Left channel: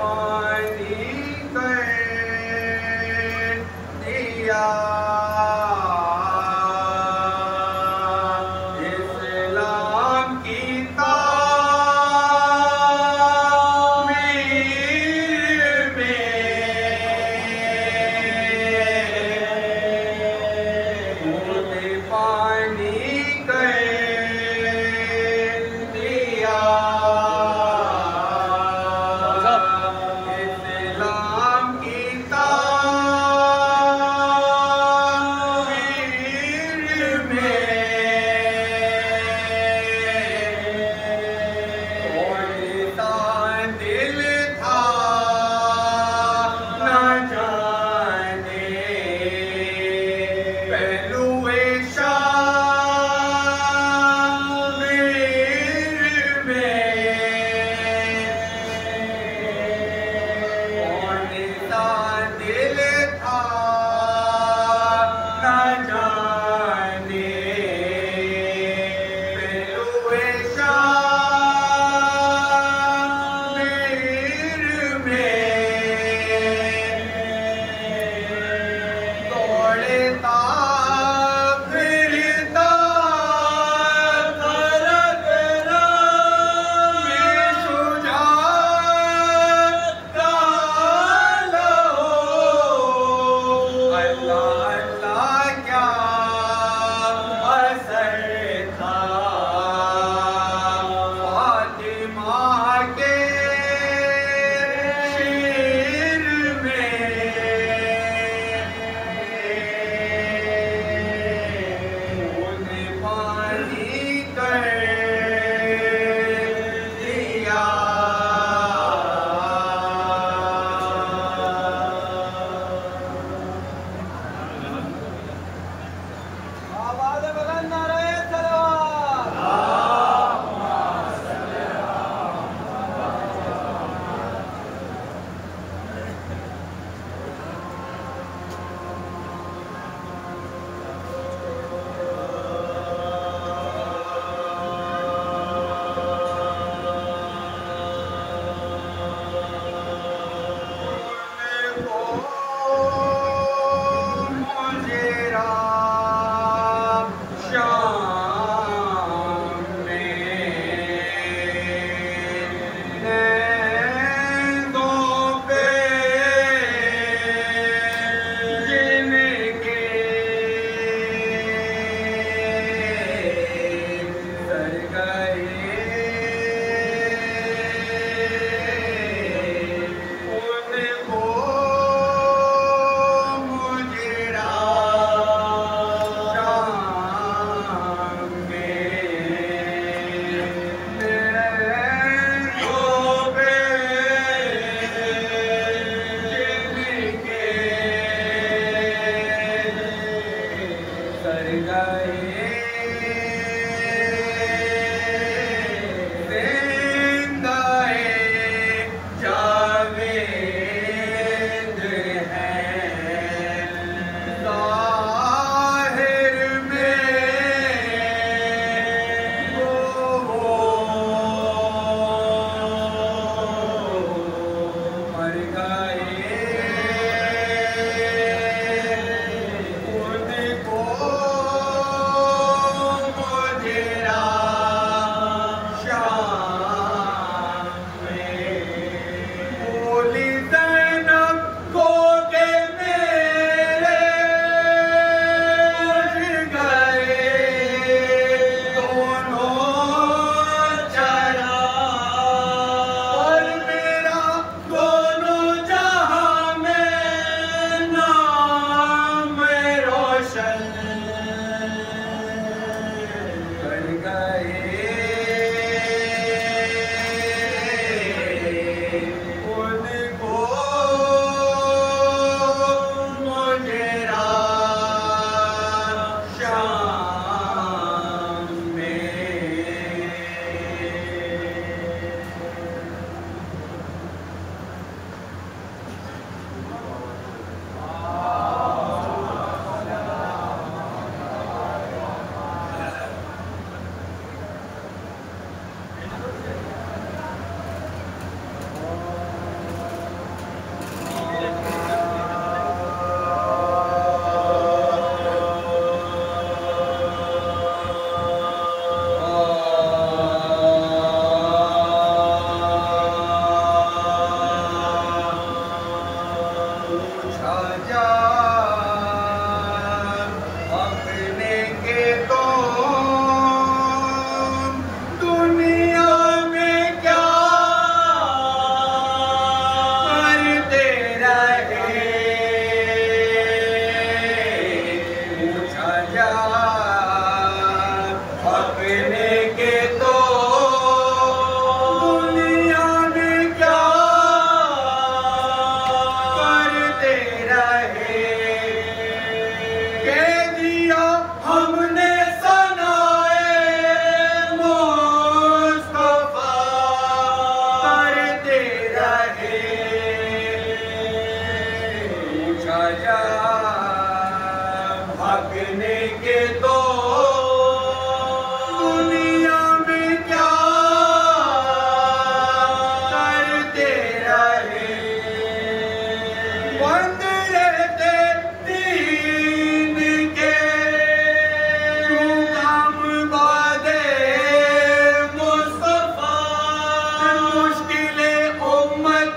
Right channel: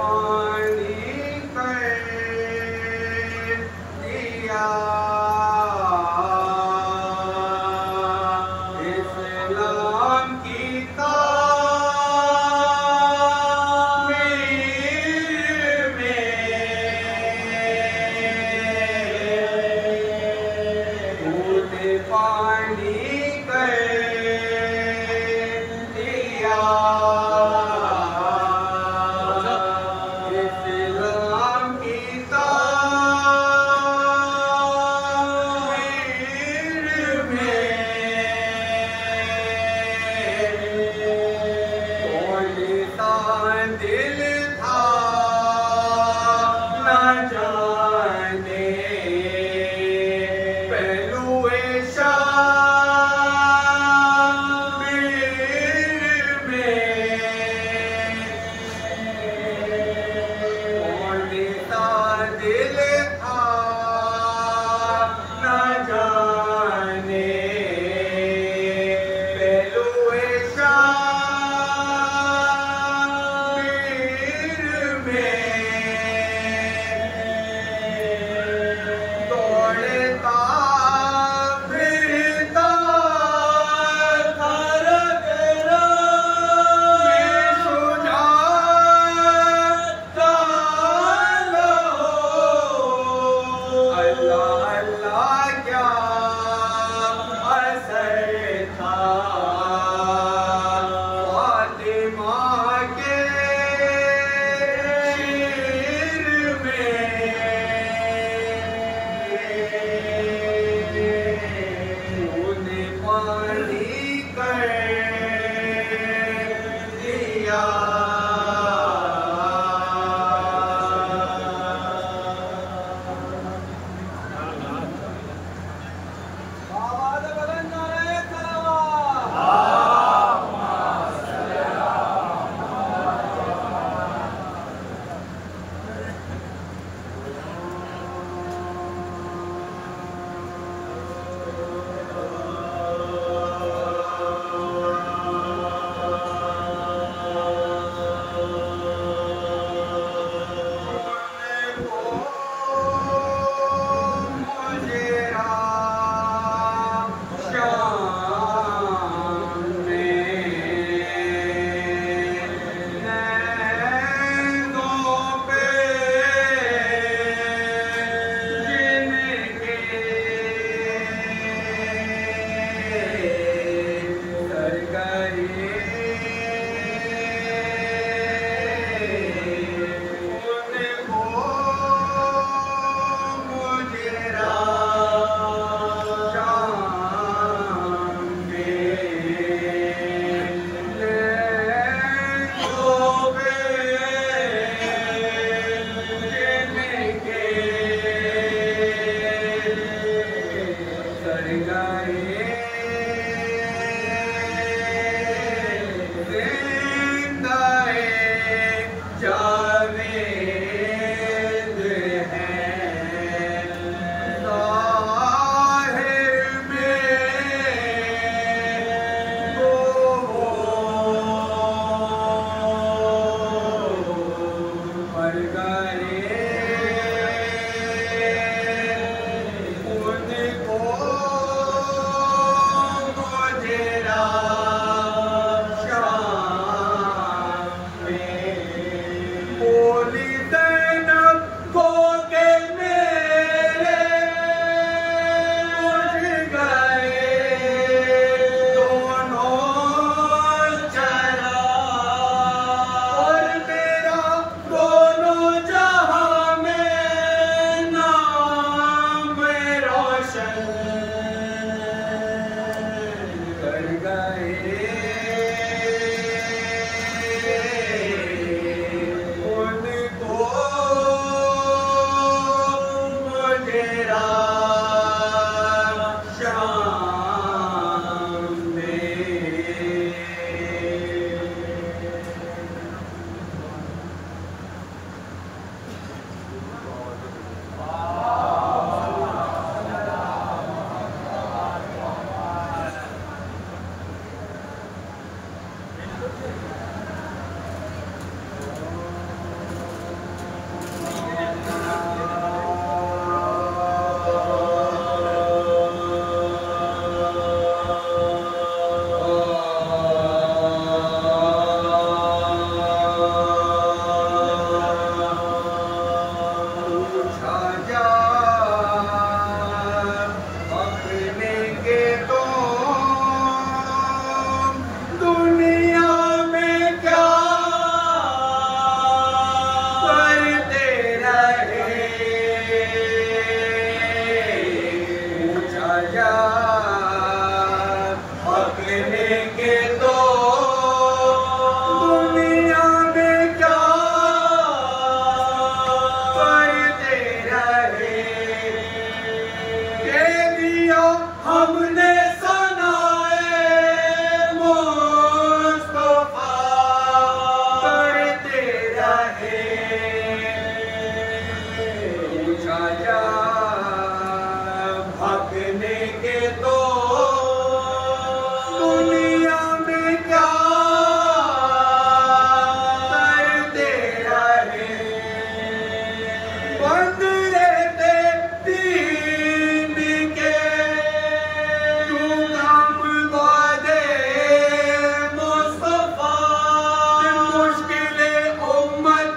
पानी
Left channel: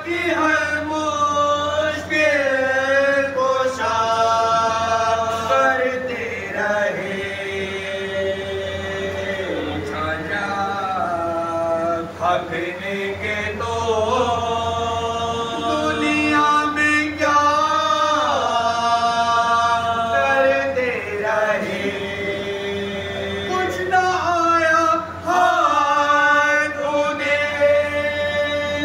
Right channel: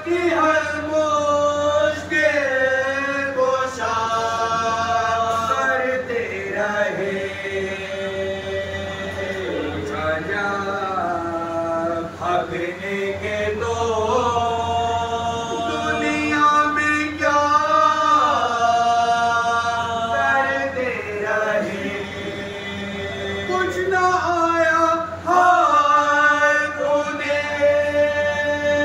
कि हर मुश्किल कुशा करते रहे छाया भागने के तो दुनिया में क्या करते रहे कुछ न आया हाय तूने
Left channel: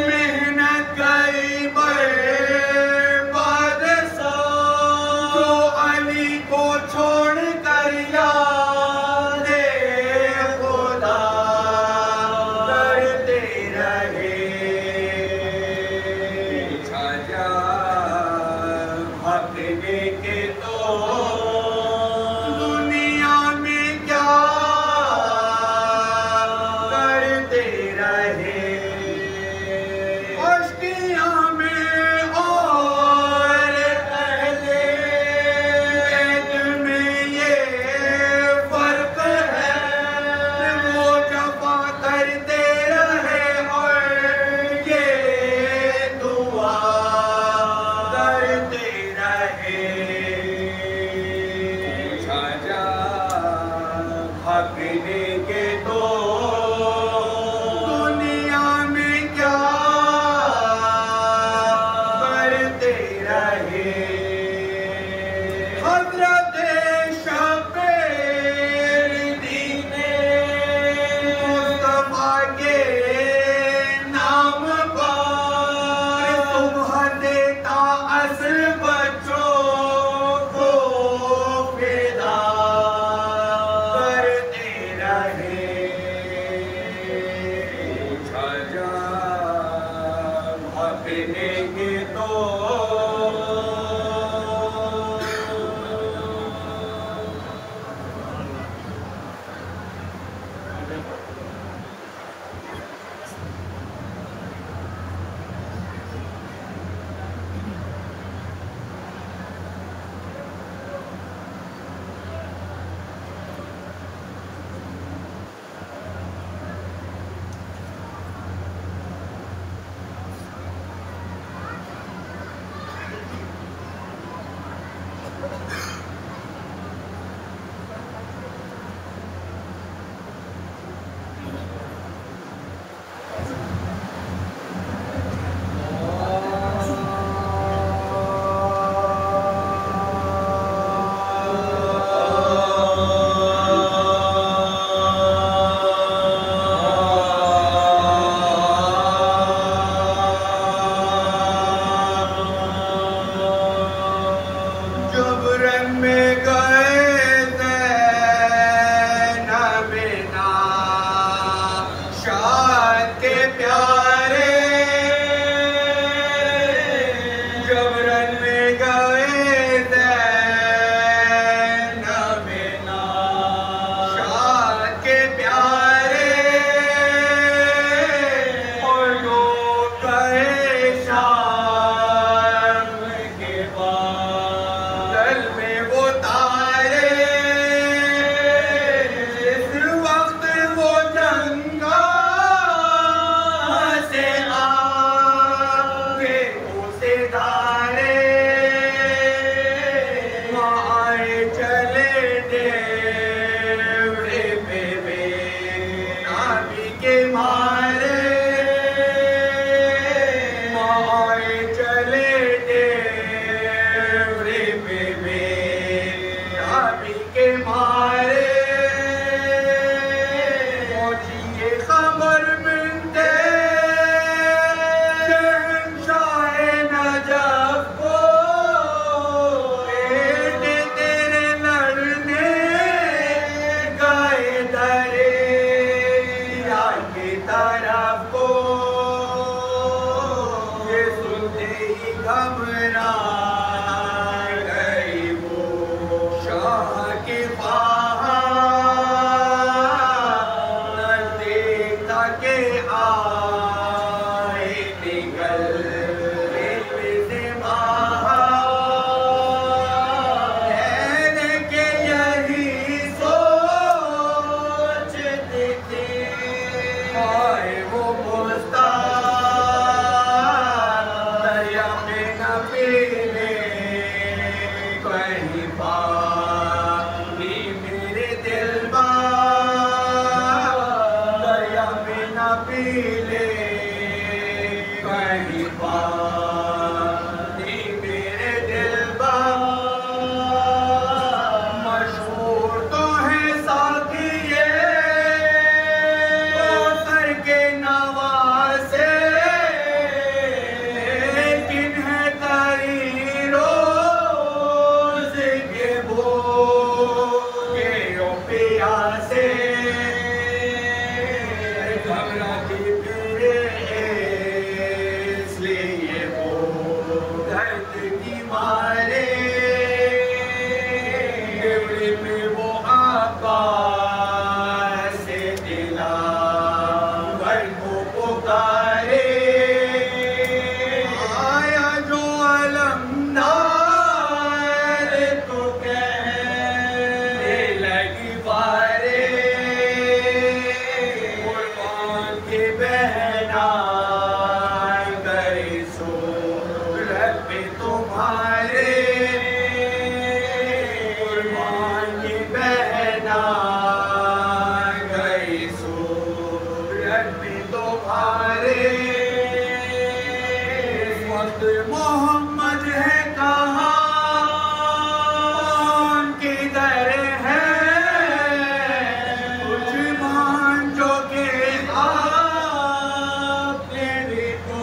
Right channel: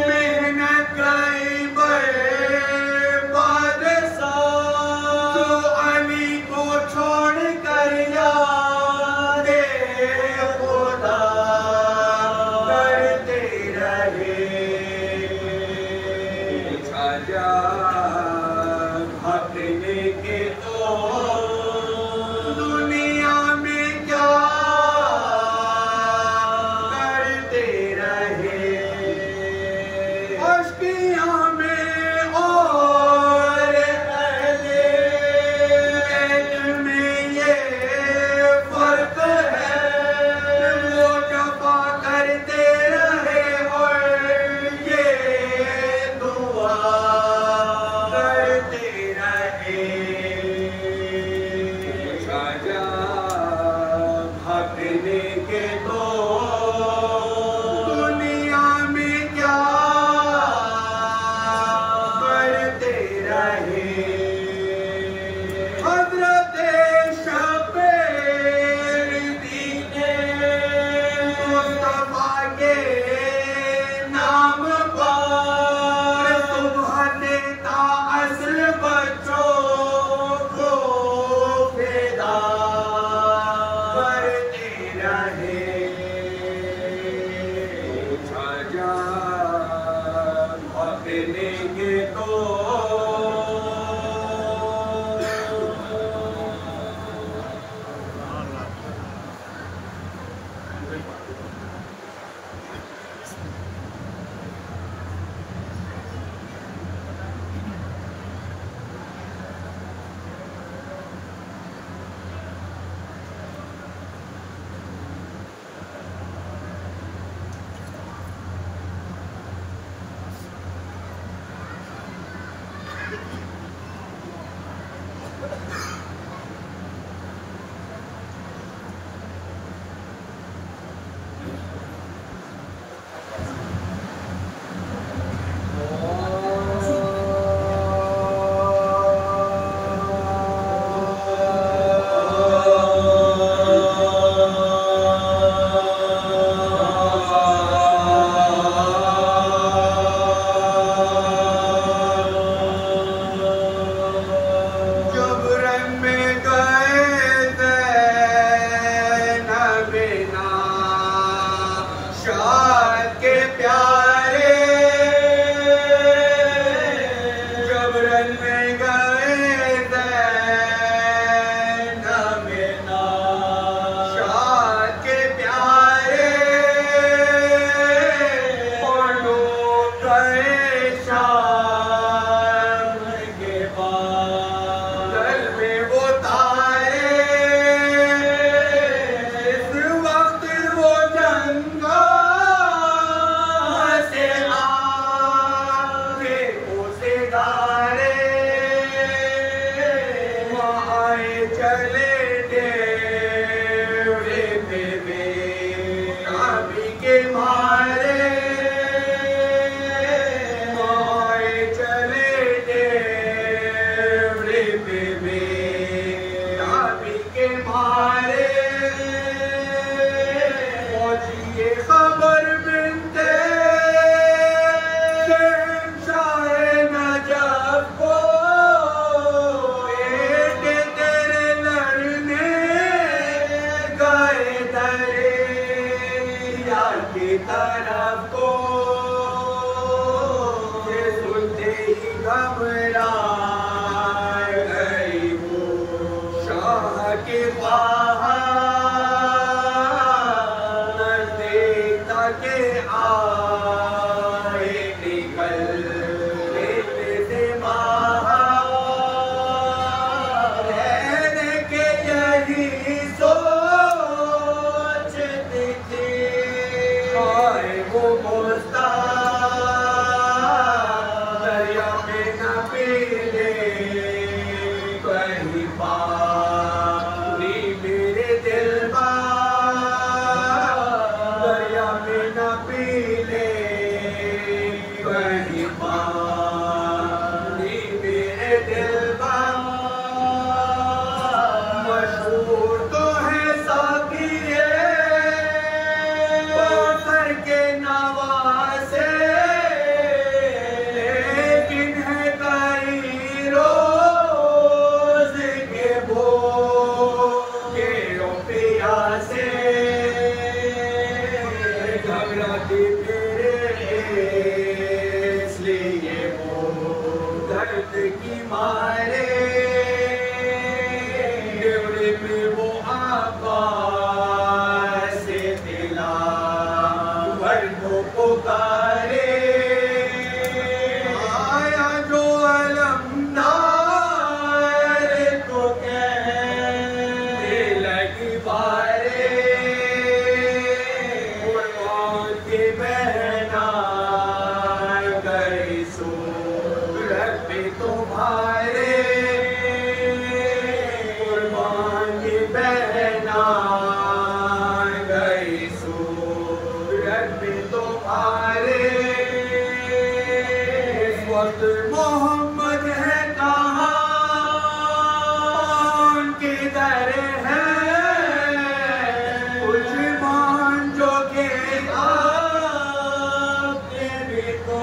मेहनत करी बर्बाद सा तो अली को छोड़ कर याद खुदा करते रहे छाया भागने के तो दुनिया में क्या करते रहे अश्कियाँ में और पहले में ये फर्क है वो जफा करते रहे और ये दुआ करते रहे छाया भागने के तो दुनिया में क्या करते रहे हज़रत शब्बीर दीने मुस्तफा के नाम पर सुबह देता असल बच्चों को फिदा करते रहे छाया भागने के तो जबरन में गए ज़ैनबिना शाद के प्यारे जबरन में गए ज़ैनबिना शाद के प्यारे लोग गए शाम के बाद दल में वो तारे जिस वक्त वो जंगा बहना गए सूरत पे तुम्हारे कुर्बान की बहना गई सूरत पे तुम्हारे इस वक्त मोहम्मद है कहाँ किधर है कुछ मान जो के आपने भी तो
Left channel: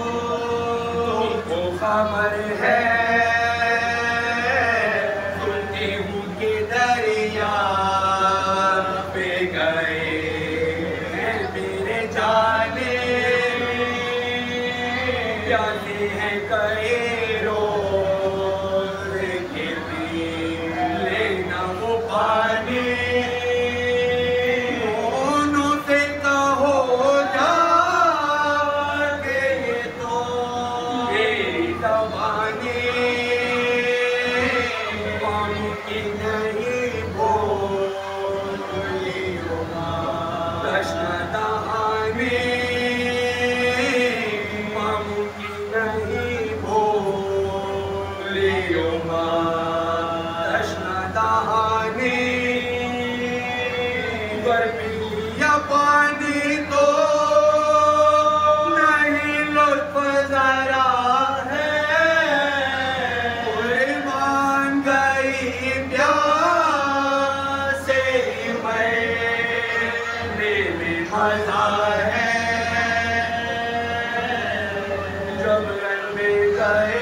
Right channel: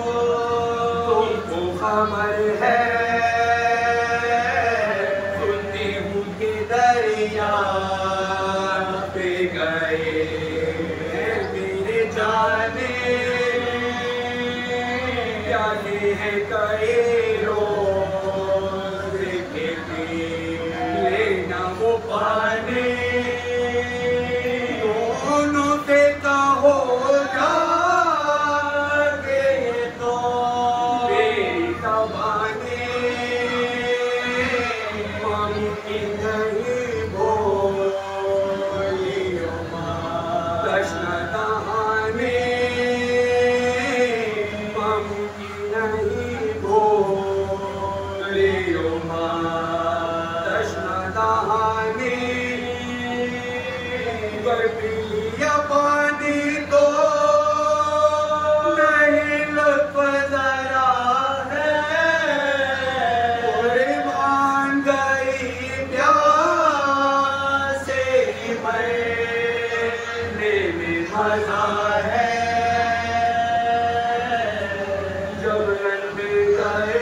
खबर है सुनती हूँ कि दरिया पे गए मेरे जाने प्याले हैं कई रोज के पी लेना वो पानी दोनों से कहो जाके ये तो मेरी ज़बानी मुमकिन नहीं बोलियो कृष्ण दहानी मुमकिन नहीं बोलियो कृष्ण दहानी गर्मी या पानी तो नहीं लुत्फ जरा है कुर्बान गई प्यासे मरने में मजा है जब घर में गए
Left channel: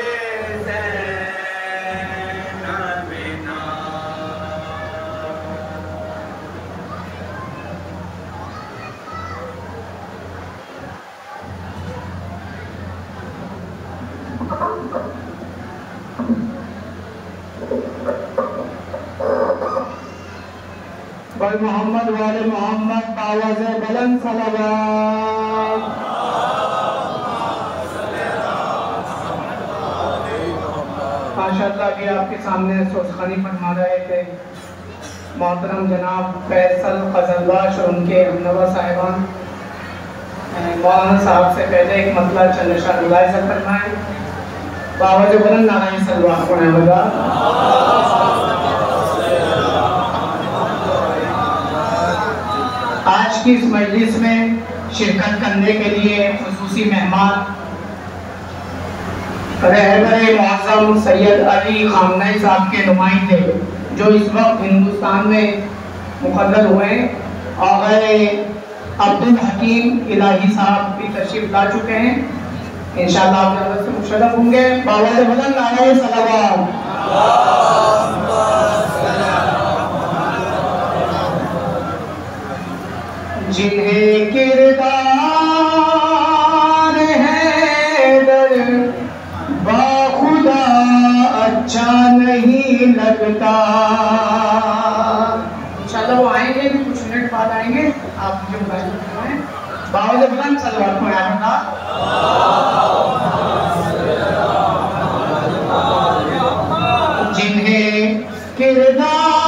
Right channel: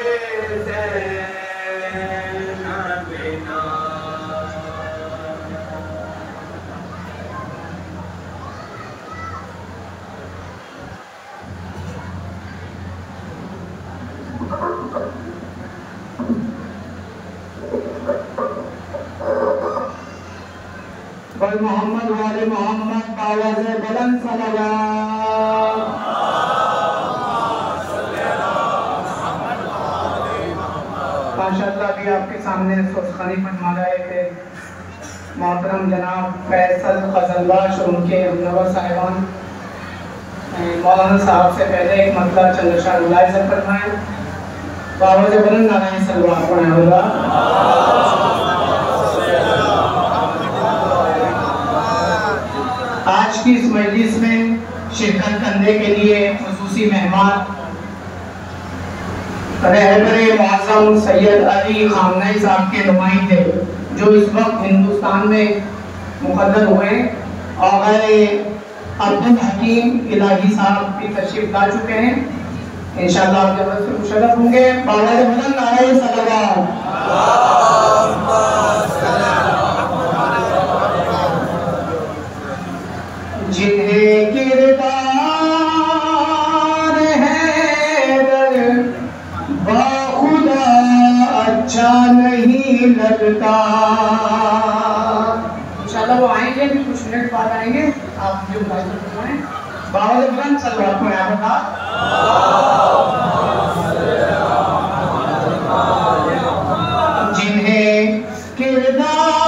ज़ैनब बिना मोहम्मद वाले मोहम्मद आवाज़ बुलंद सलावत। माशाअल्लाह भी आपके सामने सोचखानी फरमा रहे थे मोहतरम जनाब फैसल फजलबाश और उनके नवा साहिबान मौलाना साहब से पहले एक मतलब चंद शाह मुलाहिजा फरमाए तो आवाज़ बुलंद नारायण सल्लल्लाहु अलैहि वसल्लम। आज की इस मजलिस में शिरकत करने के लिए खुसूसी मेहमान रहबरे मुअज़्ज़म सैयद अली खामनई साहब के नुमाइंदे जो इस वक्त हिंदुस्तान में मुक़र्रर हुए आग़ाए अब्दुल हकीम इलाही साहब की तशरीफ ला चुके हैं। इंशाअल्लाह आप जल्द से मुशर्रफ होंगे। आवाज़ बुलंद नारायण सल्लल्लाहु जिन्हें किरदार है बाखुदा अच्छा नहीं लगता। इंशाअल्लाह वो आएंगे कुछ मिनट बाद आएंगे। आप जो बावल इब्राहिम सल्लल्लाहु अलैहि वसल्लम जिन्हें किरदार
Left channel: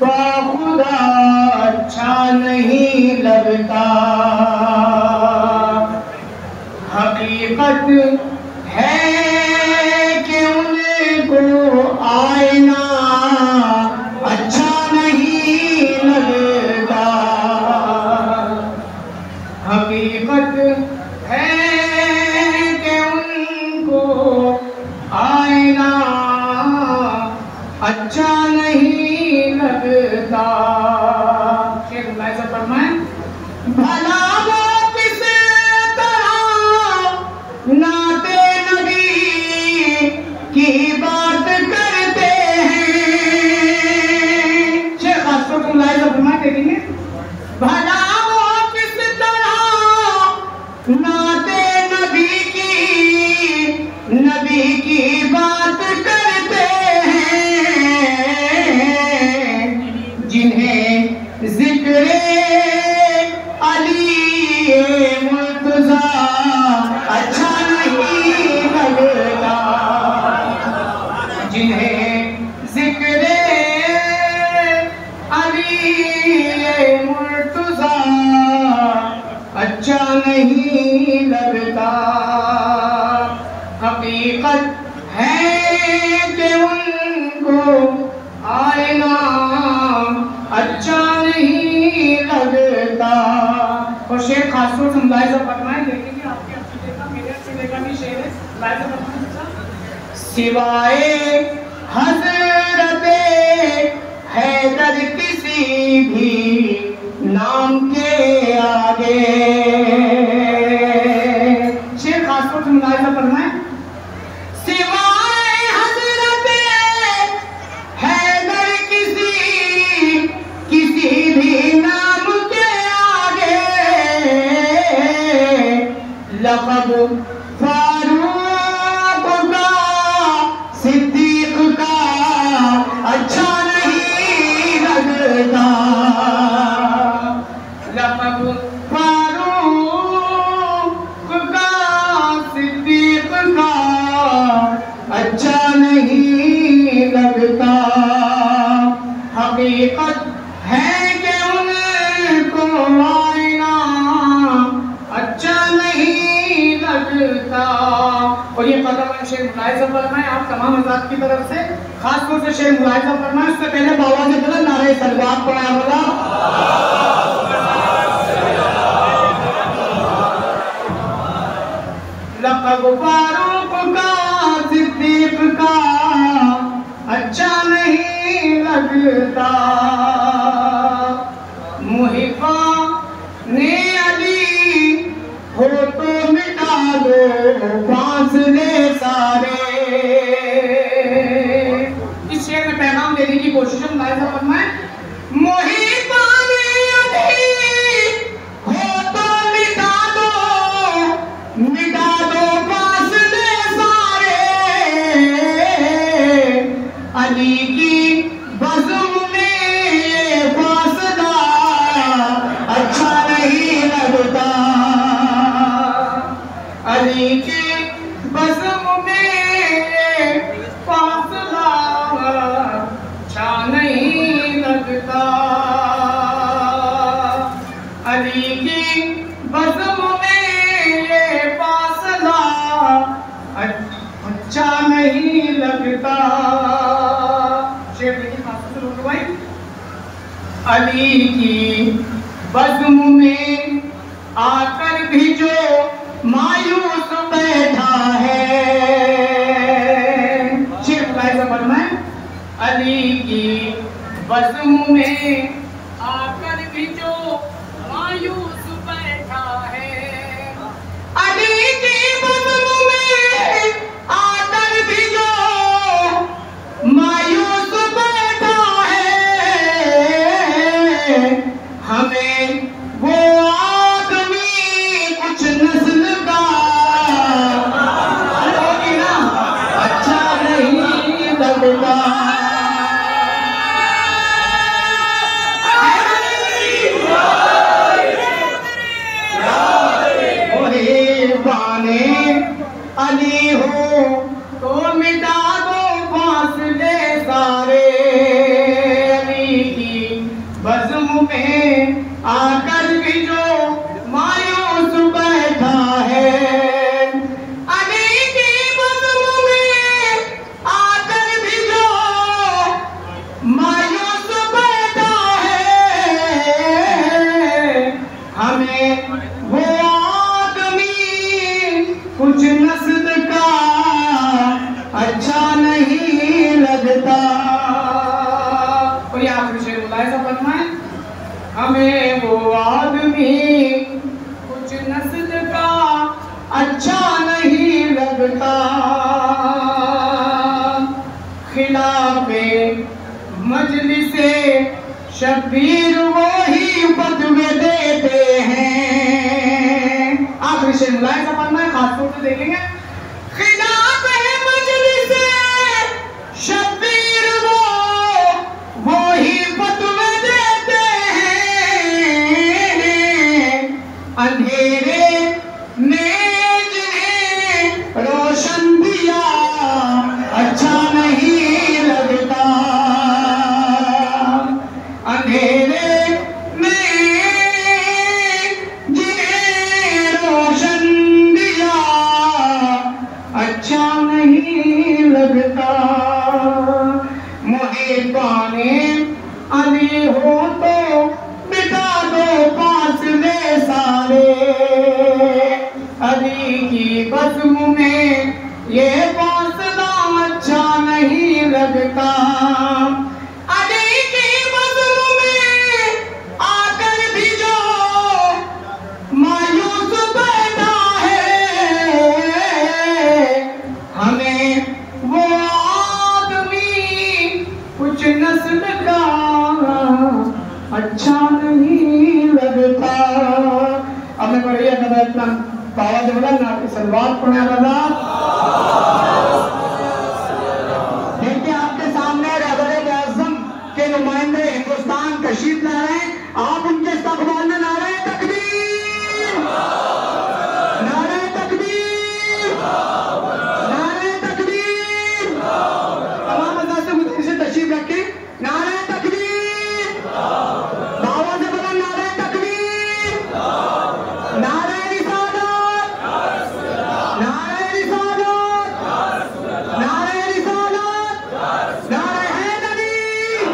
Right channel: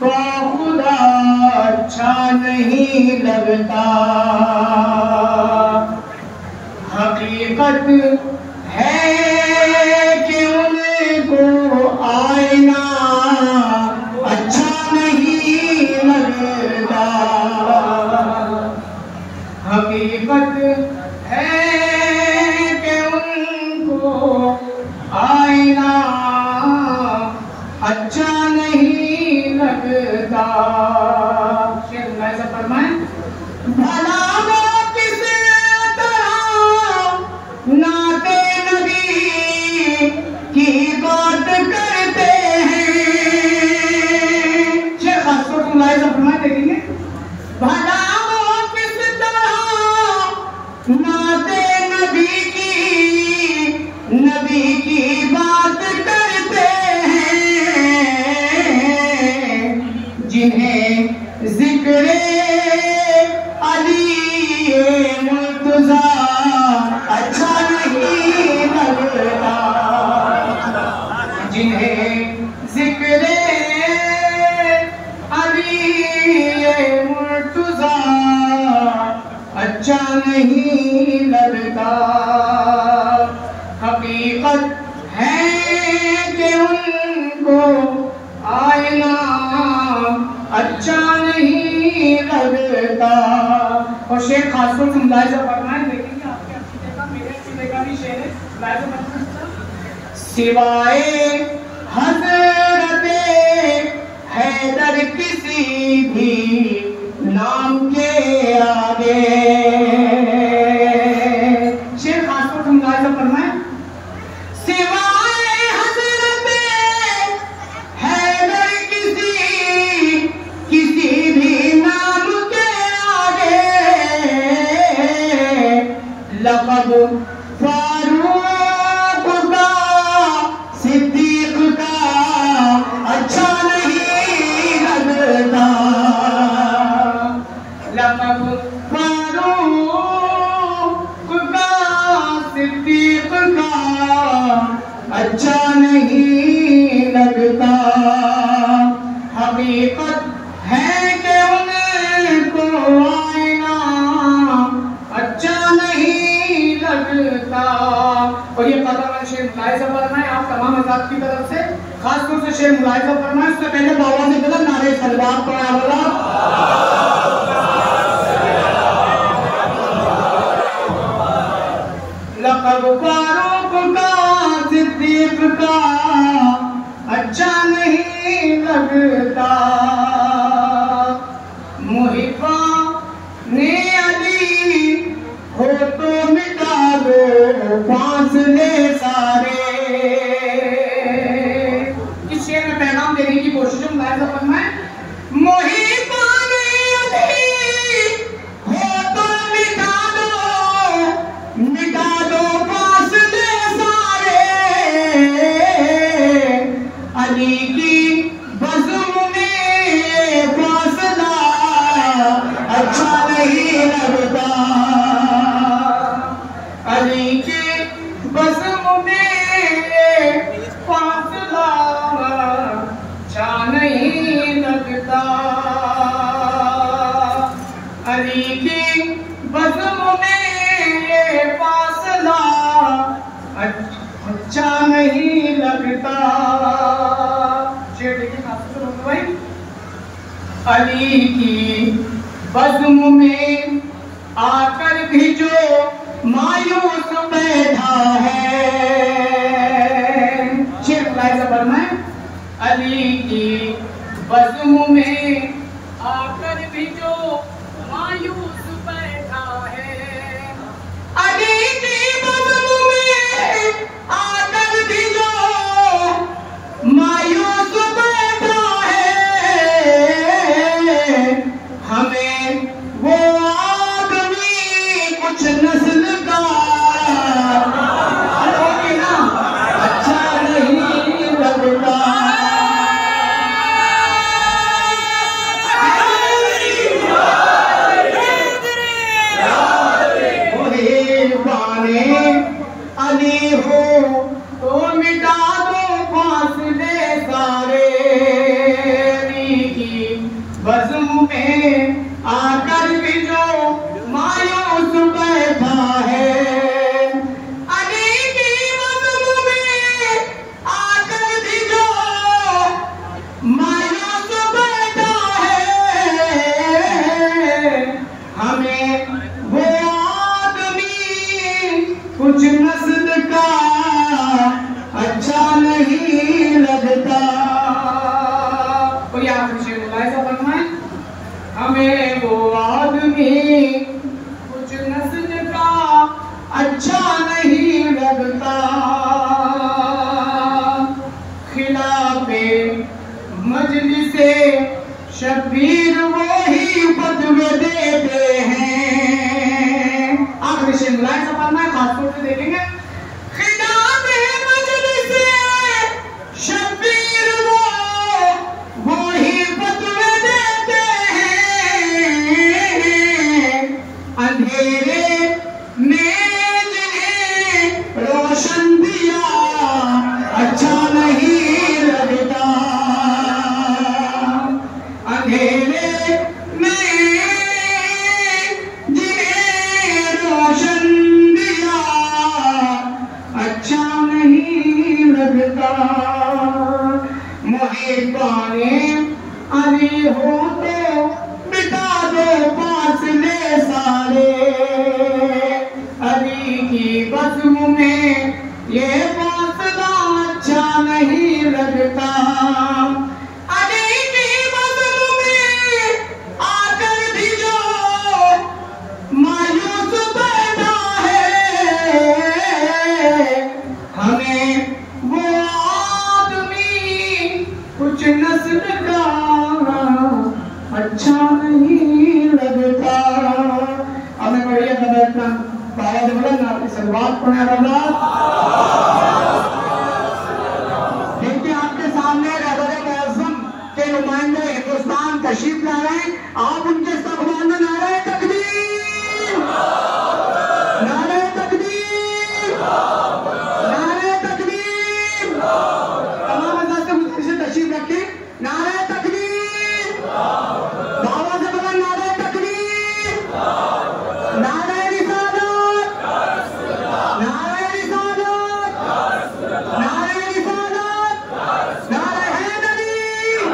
बाखुदा अच्छा नहीं लगता। हकीकत है कि उनको आईना अच्छा नहीं लगता। हकीकत है कि उनको आईना अच्छा नहीं लगता। भला वो किस तरह नाते नबी की बात करते हैं। शेख अशरफुल्लाह फरमा देंगे भला वो किस तरह नाते नबी की बात करते हैं जिन्हें जिक्र अली मुर्तज़ा अच्छा नहीं लगता। जिन्हें जिक्र अच्छा नहीं लगता। हकीकत है कि उनको आईना अच्छा नहीं लगता। और शेर खासतौर से मुलाहिजा करना है, देखेंगे आपके अच्छी जगह मेरे अच्छी जगह भी शेर है, मुलाहिजा करना। सिवाय हज़रते हैदर किसी भी नाम के आगे। शेर खासतौर से मुलाहिजा करना है। सिवाय हज़रते हैदर किसी भी नाम के आगे लक़ब फारूक का सिद्दीक का अच्छा नहीं लगता। लक़ब फारूक का सिद्दीक का अच्छा नहीं लगता। हकीकत है कि उनको आईना अच्छा नहीं लगता। और ये कदम शेर मुलाहिजा करना है आप तमाम हज़रात की तरफ से, खास तौर से शेर मुलाहिजा करना है। उससे पहले बाबा से गलत नारे सलवात पढ़ा बोला। लक़ब फारूक का सिद्दीक का अच्छा नहीं लगता। मुहिब्बा ने अली हो तो मिटा दो फासले सारे। इस शेर में पैगाम देने की कोशिश है, मुलाहिजा करना है। मुहिब्बा ने अली हो तो मिटा दो फासले सारे। अली की बज़्म में फासला अच्छा नहीं लगता। अली की बज़्म में फासला अच्छा नहीं लगता। अली की बज़्म में फासला अच्छा नहीं लगता। शेर देखिए खासतौर से भाई। अली की बज़्म में आकर भी जो मायूस बैठा है। शेर मुलाहिजा करना है। अली की बज़्म में आकर भी जो मायूस बैठा है। अली की बज़्म में आकर भी जो मायूस बैठा है। हमें वो आदमी कुछ नस्ल का अच्छा नहीं लगता। अली हो तो मिटा दो फासले सारे। अली की बज़्म में आकर भी जो मायूस बैठा है। अली की बज़्म में आकर भी जो मायूस बैठा है। हमें वो कुछ नस्ल का अच्छा नहीं लगता। कोई आखिरी शेर मुलाहिजा करना है। हमें वो आदमी कुछ नस्ल का अच्छा नहीं लगता। खिलाफे मजलिसे शब्बीर वही फतवे देते हैं। आखिरी शेर मुलाहिजा करना है, खासतौर से देखेंगे। खिलाफे मजलिसे शब्बीर वही फतवे देते हैं। अंधेरे में जिन्हें रोशन दिया अच्छा नहीं लगता। अंधेरे में जिन्हें हो तो बिता दो फासले सारे, अली की बज़्म में ये फासला अच्छा नहीं लगता, अली की बज़्म में आकर भी जो मायूस पैदा है, हमें वो आदमी कुछ नस्ल का अच्छा नहीं लगता। अब मैं बढ़िया नवाज़ बाबा जबरन आपकी सलवात पढ़ने वाला। देखिए आपके सामने रहबर-ए-आज़म के नुमाइंदे हिंदुस्तान तशरीफ ला रहे हैं, आप उनके इस्तक़बाल में नारे तकबीर, नारे तकबीर, नारे तकबीर। तमाम हज़रात से मुझसे तशरीफ रखें, नारे तकबीर, बाबा से बगैर नारे तकबीर, नारे रिसालत, नारे रिसालत, नारे रिसालत, नारे हैदरी,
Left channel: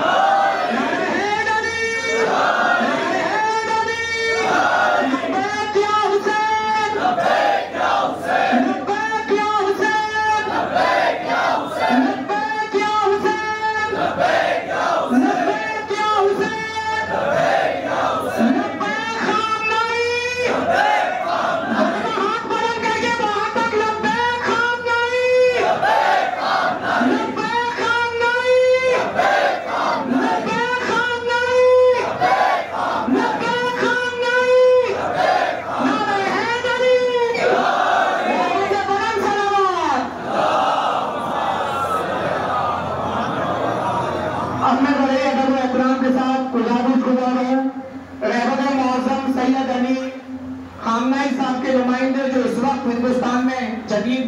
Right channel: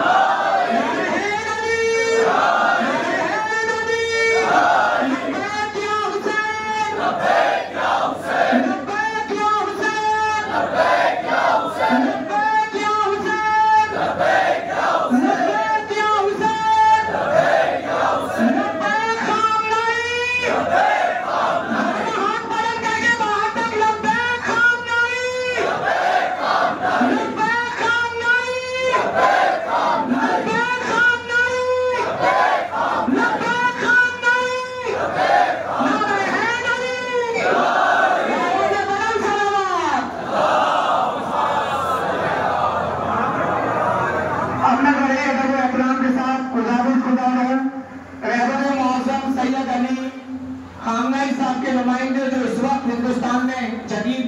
नारे हैदरी, नारे हैदरी, लब्बैक या हुसैन, लब्बैक या हुसैन, लब्बैक या हुसैन, लब्बैक या हुसैन, लब्बैक या हुसैन, लब्बैक या हुसैन, लब्बैक या हुसैन, लब्बैक या हुसैन, लब्बैक खामनई, लब्बैक खामनई, हाथ बुलंद करके बाहर तक लब्बैक खामनई, लब्बैक खामनई, लब्बैक खामनई, लब्बैक खामनई, लब्बैक खामनई, लब्बैक खामनई, लब्बैक खामनई, लब्बैक खामनई, नारे हैदरी, नारे बुलंद सलावत। अब मैं बड़े अदब एहतराम के साथ गुजारिश खुदा हूँ रहबर-ए-आज़म सैयद अली खामनई साहब के नुमाइंदे जो इस वक्त हिंदुस्तान में जदीद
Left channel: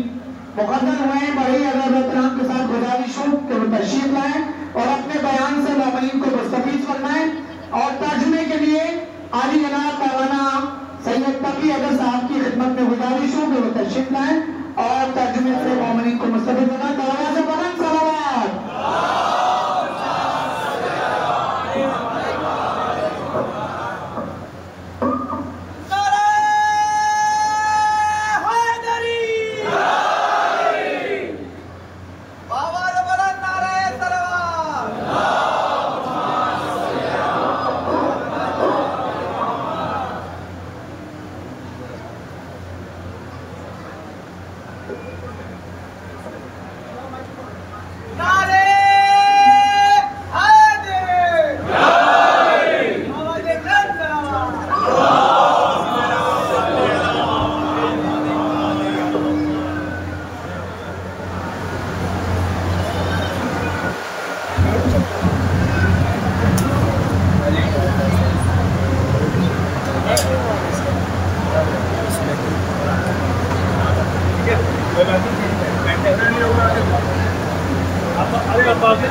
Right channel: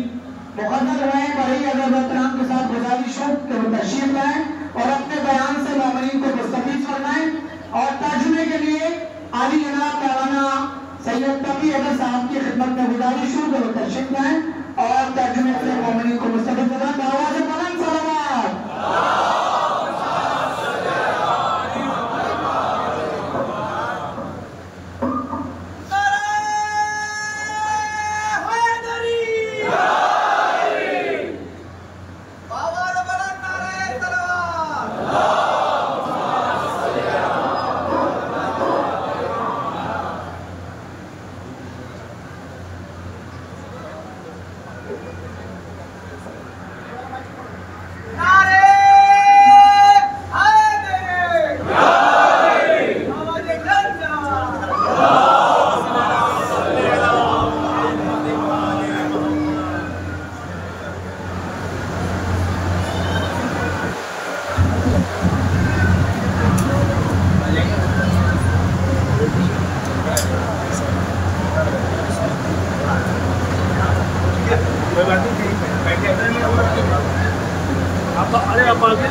मुक़र्रर हुए हैं, बड़ी अदब एहतराम के साथ गुजारिश हो कि वो तशरीफ लाएं और अपने बयान से मौमिनीन को मुस्तफ़ीज़ फरमाएं। और तर्जुमे के लिए आली जनाब मौलाना सैयद तकी अदर साहब की खिदमत में गुजारिश हो कि वो तशरीफ लाएं और तर्जुमे से मौमिनीन को मुस्तफ़ीज़ फरमाएं। दरवाज़े बुलंद सलावत।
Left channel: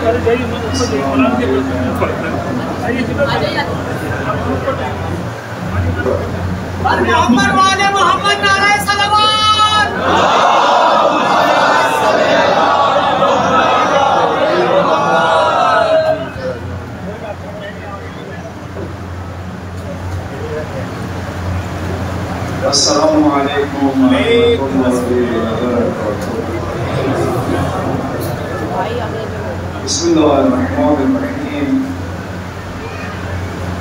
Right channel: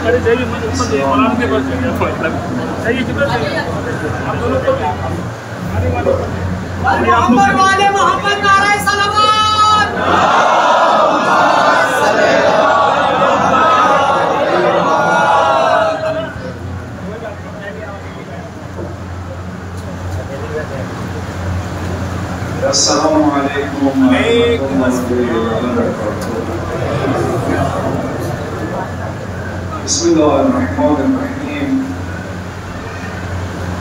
अरे जाइए मैं ऊपर जाइए मौलाना के पास आइए मोहम्मद वाले मोहम्मद नारे सलावत। अस्सलामु अलैकुम व रहमतुल्लाहि व बरकातुहू। बिस्मिल्लाहिर्रहमानिर्रहीम।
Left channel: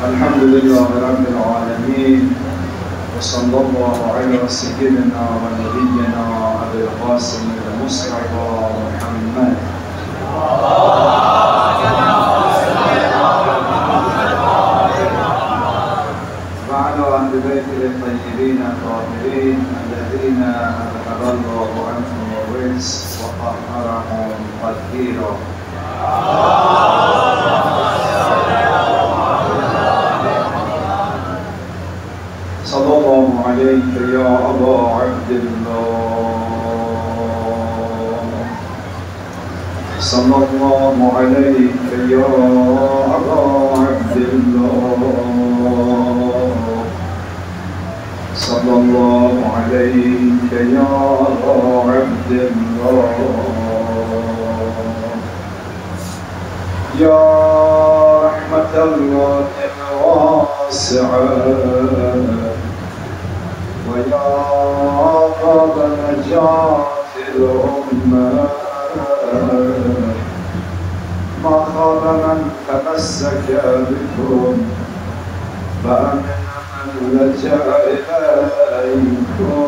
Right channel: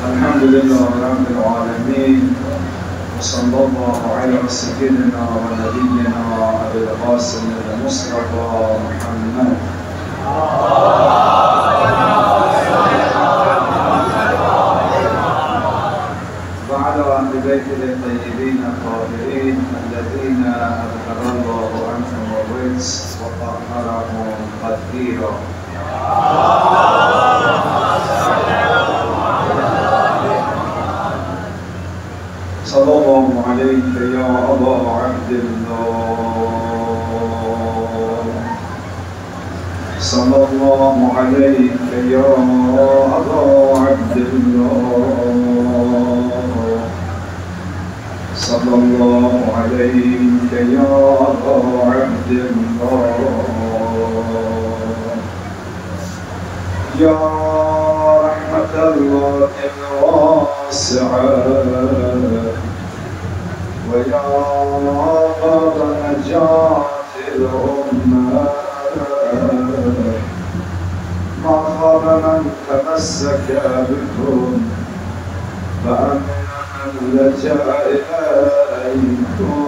अल्हम्दुलिल्लाहि रब्बिल आलमीन। सल्लल्लाहु अलैहि सय्यिदिना व नबिय्यिना अबुल क़ासिम मुस्तफ़ा मुहम्मद। وعلى أهل بيته الطيبين الطاهرين الذين تقبل الله عنهم الرزق وطهرهم تطهيرا. صلى الله عليك يا أبا عبد الله، صلى الله عليك يا أبا عبد الله، صلى الله عليك يا أبا عبد الله، يا رحمة الله واسعة ويا نار نجاة الأمة ما خاب من تمسك بكم فأن لجأ إليكم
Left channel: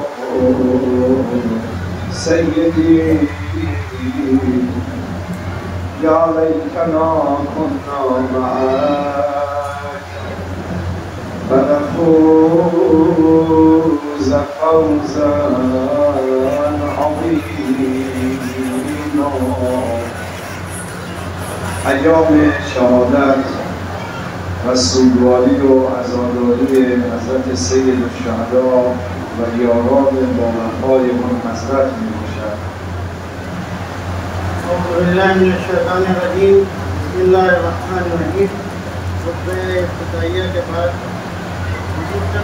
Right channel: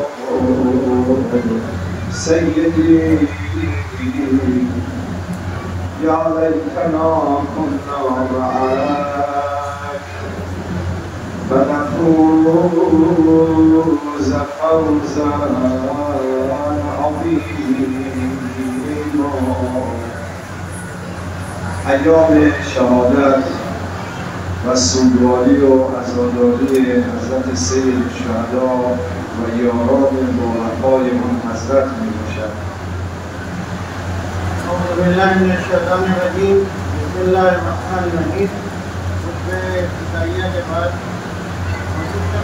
سيدي يا ليتنا كنا معك فنفوز فوزا عظيما. ایام شهادت و سوگواری و عزاداری حضرت سید الشهدا و یاران مبارک‌های منحصرت می‌باشد. أعوذ بالله من الشيطان الرجيم. بسم الله الرحمن الرحيم. خطبہ افتتاحیہ کے بعد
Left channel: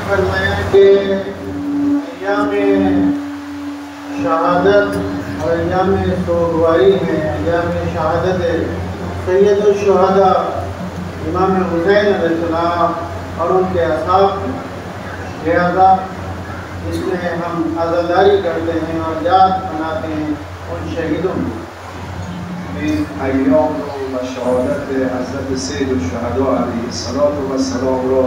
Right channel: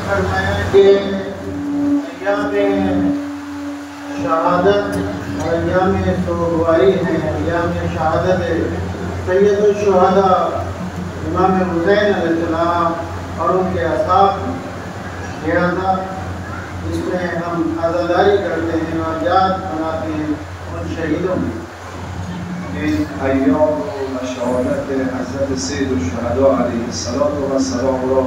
فرمایا کہ ایام شہادت اور ایام سوگواری ہیں. ایام شہادت سید الشہداء امام حسین علیہ السلام اور ان کے اصحاب، لہذا اس میں ہم عزاداری کرتے ہیں اور یاد مناتے ہیں ان شہیدوں کی. این ایام و شهادت حضرت سید الشهدا علیه السلام را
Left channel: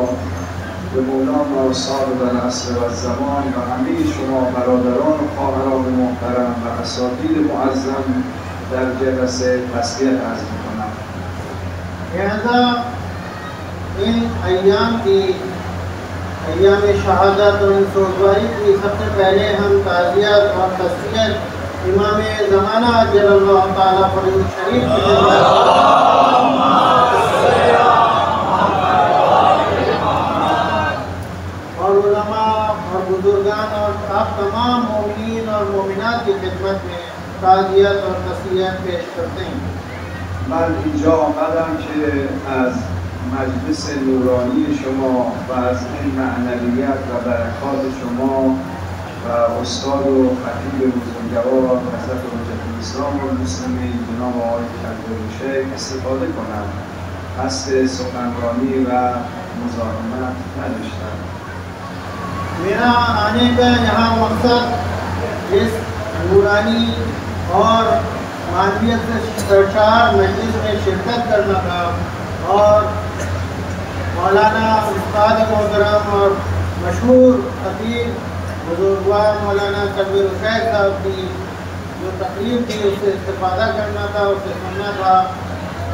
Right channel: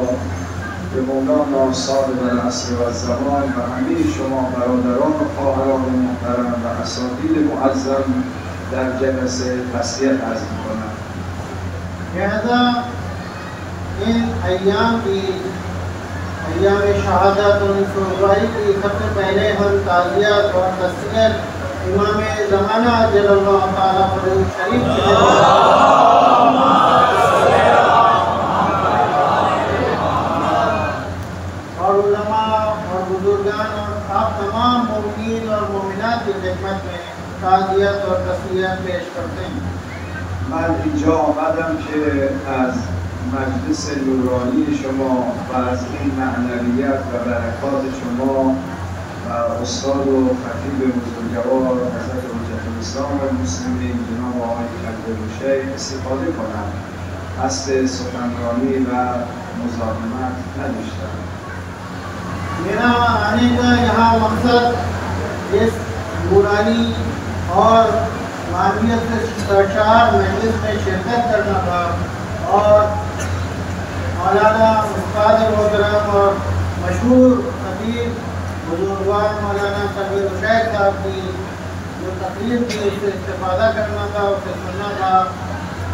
به مولانا صاحب العصر و الزمان و همه شما برادران و خواهران محترم و اساتید معظم در جلسه تسلیت عرض می‌کنم. لہذا ان ایام شہادت اور سوگواری کی سب سے پہلے ہم تعزیت اور تسلیت امام زمانہ جل اللہ تعالیٰ فرید شریف اور علماء اور بزرگان اور تمام مومنین اور مومنات کی خدمت میں تعزیت اور تسلیت پیش کرتے ہیں. من اینجا آمدم که از مجلس نورانی شما و از این معنویت و برکات شما و استاد و خطیب بزرگوار حضرت حجت الاسلام و المسلمین جناب آقای عبدالشیخ استفاده کنم. قصد سخنرانی و مزاحمت نداشتم. میرا آنے کا یہاں مقصد اس نورانی اور معنویت سے سرشار مجلس میں شرکت کرنا تھا اور مولانا استاد محترم اور مشہور خطیب بزرگوار مولانا صابر الشیخ صاحب کی جو تقریر تھی اس سے استفادہ کرنا تھا، اس سے سننا تھا.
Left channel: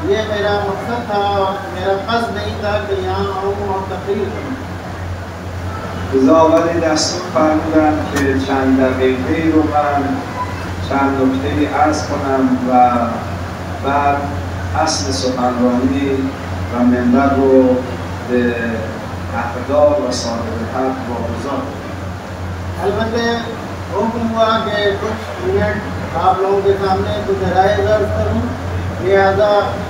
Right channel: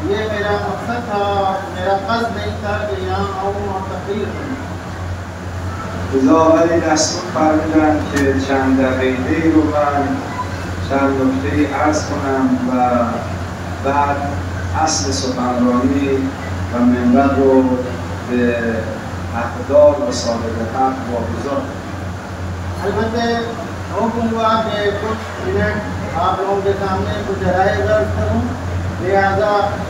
یہ میرا مقصد تھا، میرا قصد نہیں تھا کہ یہاں آؤں اور تقریر کروں. لذا آمده دستور فرمودم که چند دقیقه‌ای رو من چند نکته‌ای عرض کنم و بعد اصل سخنرانی و منبر رو به اقدار و صاحب حق واگذار کنم. البتہ حکم ہوا کہ کچھ منٹ آپ لوگوں کے سامنے کچھ رائے درج کروں، لہٰذا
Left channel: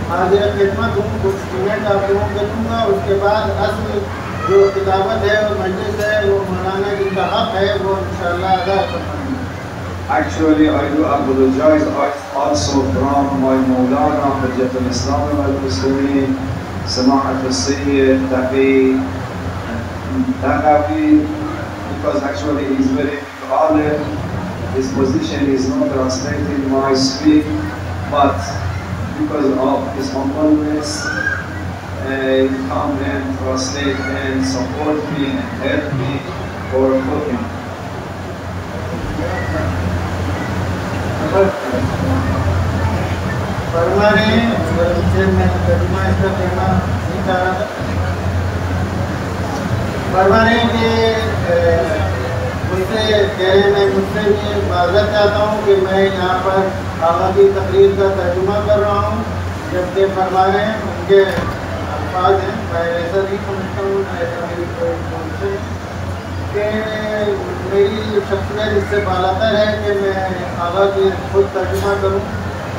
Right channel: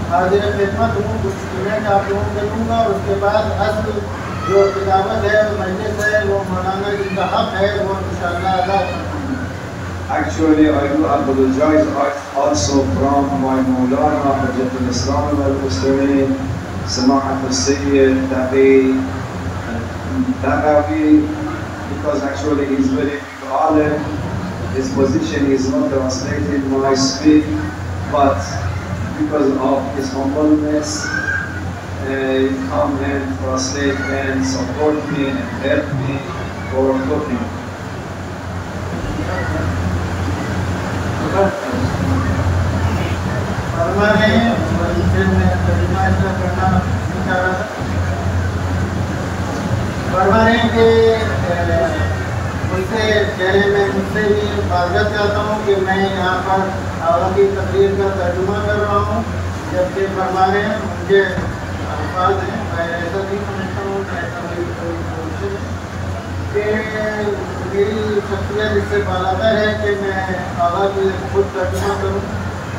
حاضر خدمت ہوں. کچھ منٹ آپ لوگوں کو دوں گا. اس کے بعد اصل جو کتابت ہے اور مجلس ہے وہ مولانا جن کا حق ہے وہ انشاءاللہ ادا کروں. Actually, I do apologize also from my Maulana Hujjat al-Islam al-Muslimin, Samahat al-Sayyid Taqafi, because actually he's very valid. His position is not translated when I speak, but because of his humbleness, come and translate and support me and help me for talking. فرما رہے ہیں میں ترجمہ اس کو کرنا نہیں چاہ رہا تھا. فرما رہے ہیں کہ مجھ سے بھی معذرت چاہتا ہوں کہ میں یہاں پر آغا کی تقریر کا ترجمہ کر رہا ہوں، جبکہ فرما رہے ہیں مجھے الفاظ ہیں. میں ایسا نہیں سمجھتا ہوں کہ ایسا میری کوئی سمجھتی کہ میری شخصیت اس سے بالاتر ہے کہ میں آغا کی خود ترجمہ کروں،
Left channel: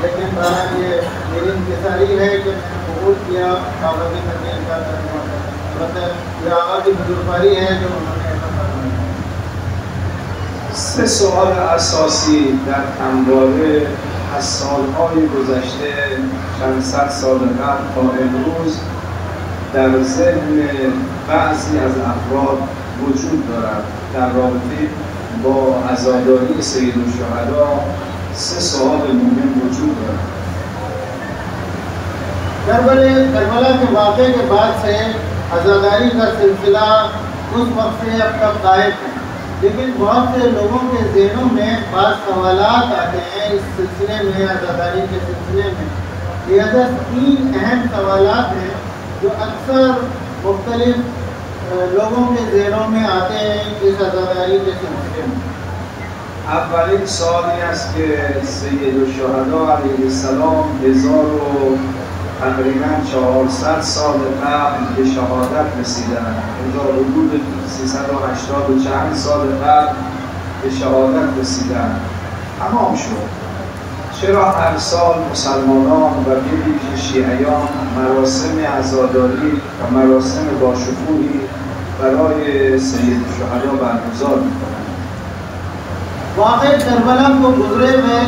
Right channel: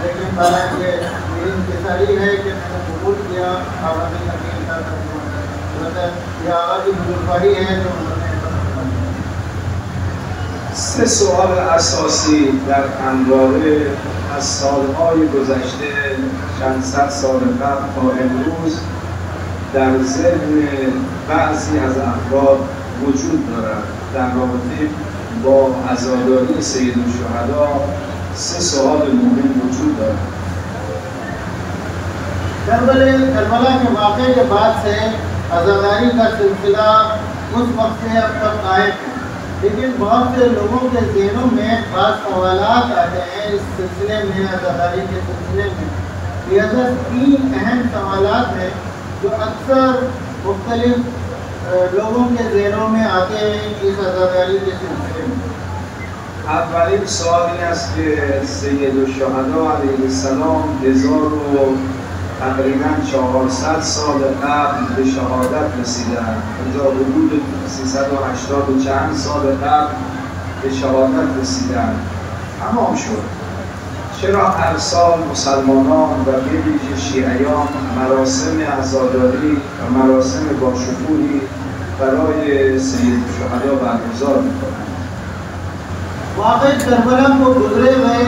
لیکن حالانکہ میری انتظاری ہے کہ میں نے قبول کیا آغا کی تقریر کا ترجمہ کروں. یہ آغا کی بزرگواری ہے جو انہوں نے ایسا کرنا ہے. سه سوال اساسی در اندازه از سالهای گذشته چند صد سال قبل تا امروز در ذهن بعضی از افراد وجود دارد در رابطه با عزاداری سیدالشهدا. 3 سوال مهم وجود دارد. کربلا के वाक़े के बाद से आज़ादारी का सिलसिला उस वक्त से अब तक कायम है, लेकिन बहुत से लोगों के ज़हनों में खास सवालात आते हैं इस सिलसिले में, आज़ादारी के सिलसिले में। लिहाजा 3 अहम सवालात हैं जो अक्सर मुख्तलिफ लोगों के ज़हनों में आते हैं इस आज़ादारी के सिलसिले में। اولین سوالی است که سیدالشهدا علیه السلام 1400 سال قبل به شهادت رسیدند. حدود 380 و چند سال قبل به شهادت رسیدند. تمام شد. چرا هر سال مسلمانان و به ویژه شیعیان مراسم عزاداری و مراسم باشکوهی برای سیدالشهدا برگزار می‌کنند؟ वाक़ई करबला को गुजरे में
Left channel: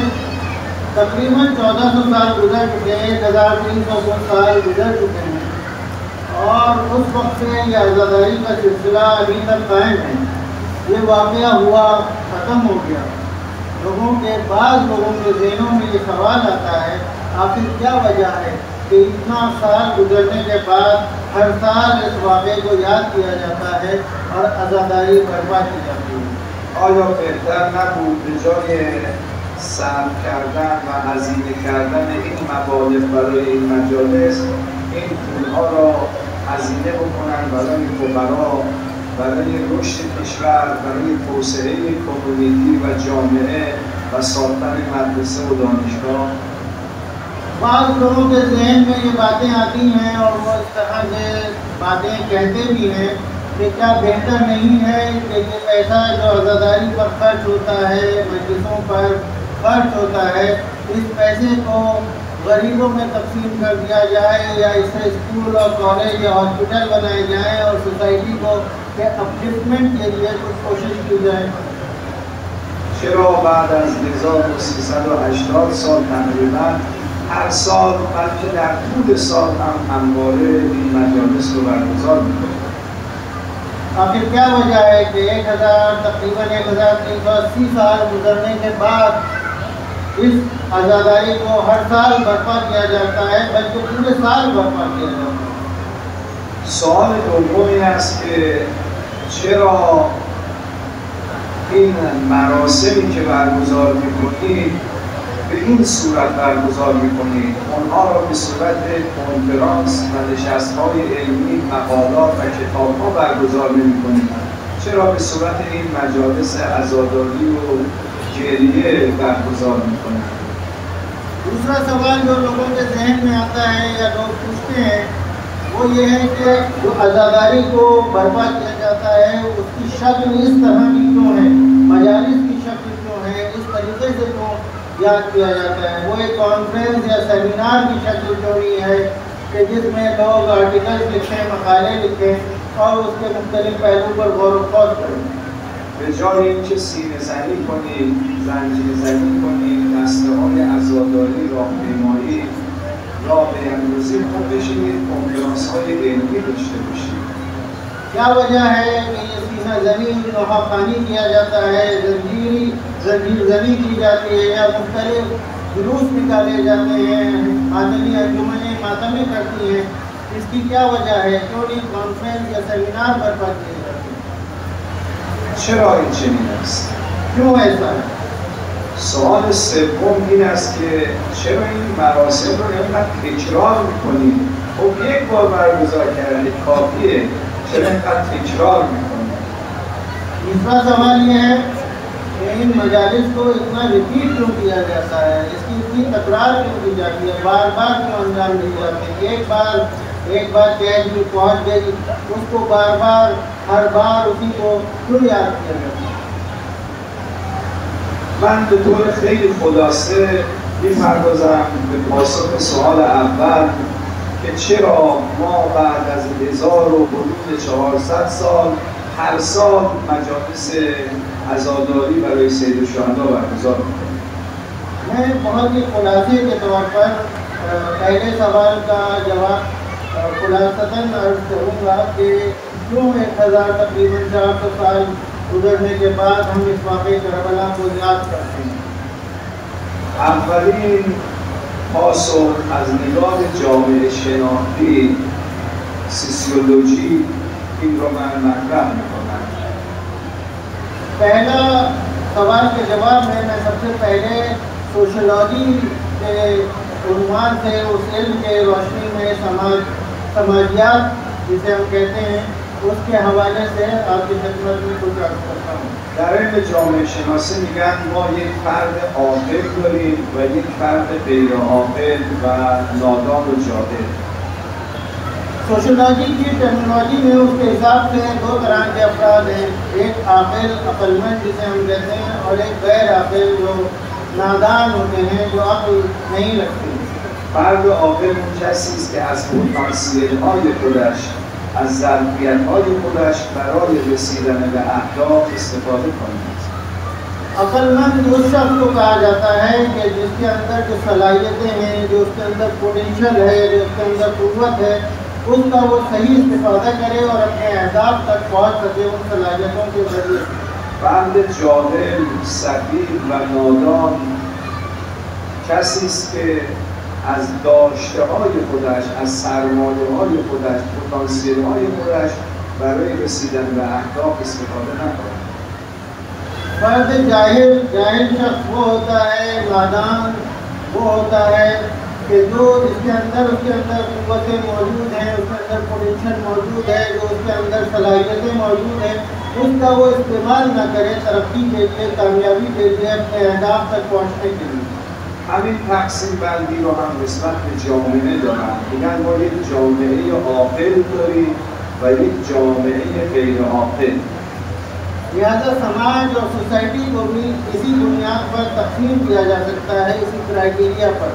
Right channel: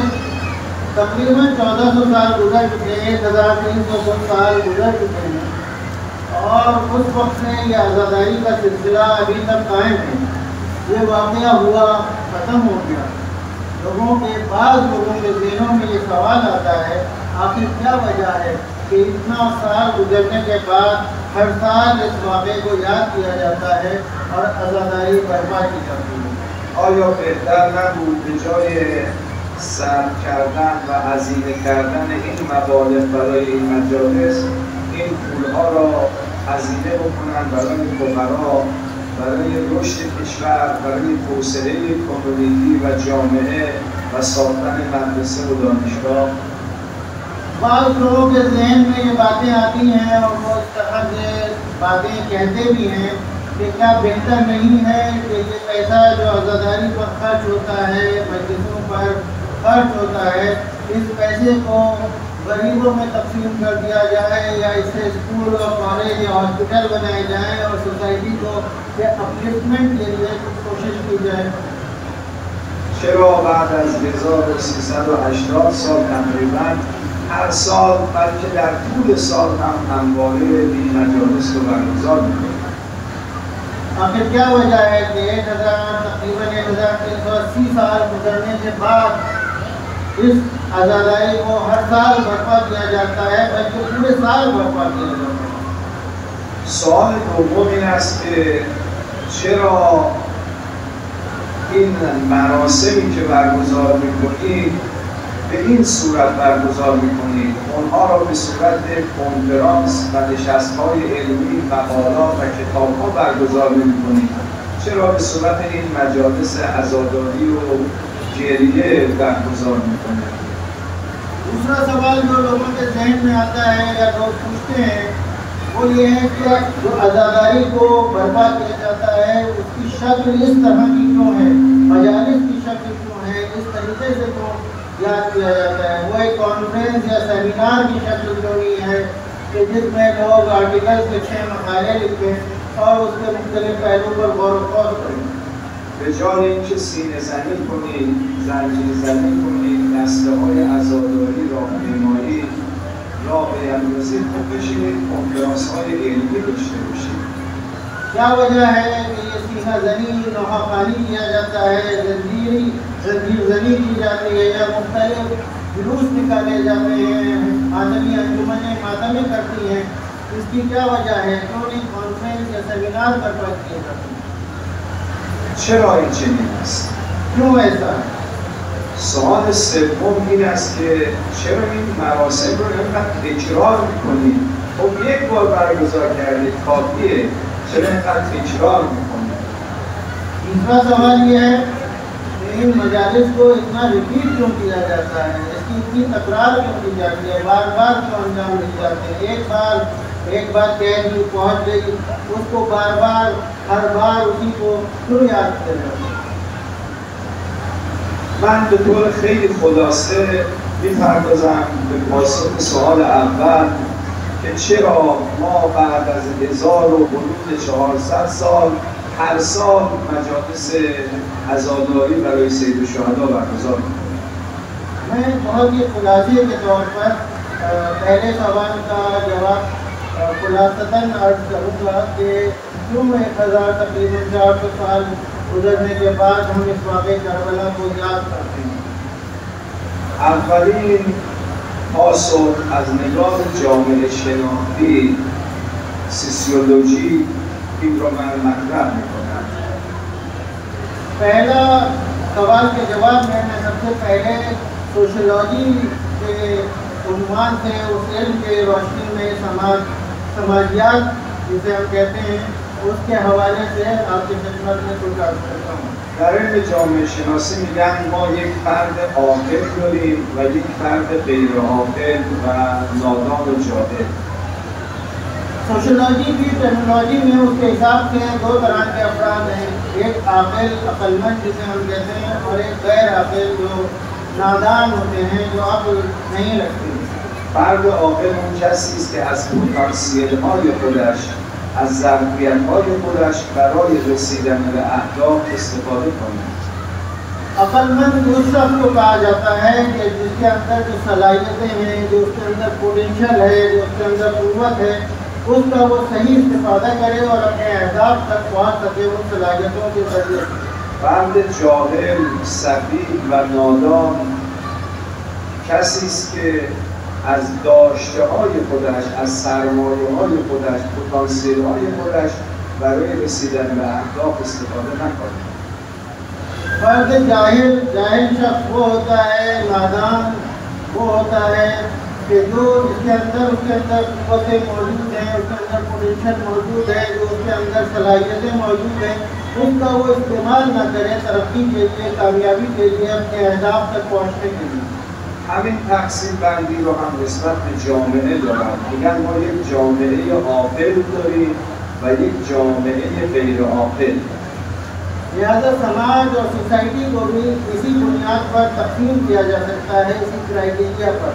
तकरीबन 1400 साल गुजर चुके हैं, 1300 साल गुजर चुके हैं, और उस वक्त से ये आज़ादारी का सिलसिला अभी तक कायम है। ये वाक़या हुआ ख़त्म हो गया। लोगों के ज़हनों में ये सवाल आता है, आखिर क्या वजह है कि इतना साल गुजरने के बाद हर साल इस वाक़े को याद किया जाता है और आज़ादारी बर्पा की जाती है। آیا بهتر نبود به جای صرف کردن و هزینه کردن این مبالغ برای این مجالس، این پولها را هزینه بکنند برای فقرا، برای رشد کشور، برای توسعه کمیونیتی و جامعه و ساختن مدرسه و دانشگاه؟ بعض लोगों के ज़हन में ये बातें आती हैं और वो इस तरह से बातें कहते भी हैं कि क्या बेहतर नहीं है कि ये पैसा जो आज़ादारी पर खर्च होता है, मस्जिदों पर खर्च होता है, इस पैसे को गरीबों में तकसीम कर दिया जाए या इससे स्कूल और कॉलेज या हॉस्पिटल बनाए जाएँ और सोसाइटी को के अपलिफ्टमेंट के लिए कुछ कोशिश की जाए। چرا بعد از 1380 سال تقریبا هر سال بلکه در طول سال هم همواره این مجالس رو برگزار می‌کنیم؟ आखिर क्या वजह है कि तकरीबन 1380 साल गुजरने के बाद इस आज़ादारी को हर साल बर्पा किया जाता है, बल्कि पूरे साल बर्पा किया जाता है? سوال دومی است که چرا این مراسمی که برگزار می‌کنید به این صورت برگزار می‌کنید؟ اونها را به صورت کنفرانس و نشست‌های علمی، مقالات و کتاب‌ها برگزار نمی‌کنید؟ چرا به صورت این مجالس عزاداری و گریه برگزار می‌کنید؟ दूसरा सवाल जो लोगों के जहन में आता है या लोग पूछते हैं वो ये है कि जो आज़ादारी को बर्पा किया जाता है उसकी शक्ल इस तरह की क्यों है, मजालिस की शक्ल क्यों है, इस तरीके से क्यों याद किया जाता है? वो एक कॉन्फ्रेंस या सेमिनार की शक्ल क्यों नहीं है कि जिसमें लोग आर्टिकल लिखें, मकाले लिखें और उसके मुख्तलिफ पहलू पर गौर व फौज करें? به جای اینکه سینه زنی کنید، زنجیر زنی کنید، دسته‌های عزاداری، راهپیمایی یا به امروزی خوب بشینید کنفرانس‌های علمی داشته باشید. क्या वजह है कि ये सीना ज़नी नवाखानी किया जाता है, जंजीर ज़नी की जाती है या मुख्तलिफ जुलूस निकाले जाते हैं, आदमी अंजुमनें मातमी करती हैं? इसकी क्या वजह है? क्यों नहीं कॉन्फ्रेंस या सेमिनार बर्पा किए जाते हैं? چرا این چنین است؟ क्यों ऐसा है? سوال سوم این است که چرا این مراسم رو اینقدر تکرار می‌کنید؟ خب یک بار برگزار کردید کافیه، چرا اینقدر تکرار می‌کنید؟ तीसरा सवाल ये है कि इन मजालिस को इतना रिपीट क्यों किया जाता है, इसकी इतनी तकरार क्यों की जाती है, बार बार क्यों अंजाम दी जाती है? एक बार कैद भी पहुँच गई, उसको बार बार हर बार उसी को क्यों याद किया जाता है? من به طور خیلی خلاصه می‌پردازم به پاسخ سوال اول که چرا ما بعد از 1400 سال هر سال مجالس عزاداری برای سیدالشهدا برگزار می‌کنیم. मैं बहुत ही खुलासे के तौर पर पहले सवाल का जवाब खुलासतन अर्ज करूँगा कि क्यों 1000 तकरीबन 400 साल गुजरने के बाद हम इस वाक़े करबला को याद करते हैं। اولین پاسخ از نگاه جامعه شناختی سوسیولوژی این رو من مطرح میکنم. पहला सवाल के जवाब में मैं सबसे पहले सोशलॉजी के उन्वान से उस इल्म के रोशनी में समाजियात जिसे हम कहते हैं उसके हवाले से आपकी खिदमत में कुछ अर्ज करता हूँ। در علم جامعه شناسی میگن ما یک فرد عاقل داریم و یک فرد غیر عاقل و نادان و جاهل. सोशलॉजी की टेक्नोलॉजी में उसके हिसाब से दो तरह के अफराद हैं, एक आकिल अक्लमंद जिसे हम कहते हैं और एक गैर आकिल जो नादान होते हैं, जो अक्ल नहीं रखते। فرد عاقل اون کسی است که از پتانسیل‌های خودش از ظرفیت‌های خودش برای رسیدن به اهداف استفاده کنید. अक्लमंद उस शख्स को कहा जाता है कि जिसके अंदर जो सलाहियतें हैं, जो उसके अंदर पोटेंशियल है, जो उसके अंदर क़ुव्वत है, उसका वो सही इस्तेफादा करे और अपने अहदाफ तक पहुँच सके उन सलाहियतों के जरिए। فرد جاهل، سفیه و نادان کسی است که از داشته‌های خودش، از سرمایه‌های خودش، پتانسیل‌های خودش برای رسیدن به اهداف استفاده نکنه. فرد जाहिल शख्स वो होता है, नादान वो होता है कि जो उसके अंदर क़ुव्वतें मौजूद हैं, उसके अंदर पोटेंशियल मौजूद है, जो उसके अंदर सलाहियतें मौजूद हैं, उनका वो इस्तेमाल न करे तरक्की के लिए, कामयाबी के लिए, अपने अहदाफ तक पहुँचने के लिए। همین تقسیم بندی رو هم نسبت به جامعه دارن. میگن ما یک جامعه عاقل داریم و یک جامعه غیر عاقل. लिहाजा समाज और सोसाइटी को भी इसी बुनियाद पर तकसीम किया जा सकता है, इसी क्राइटेरिया पर।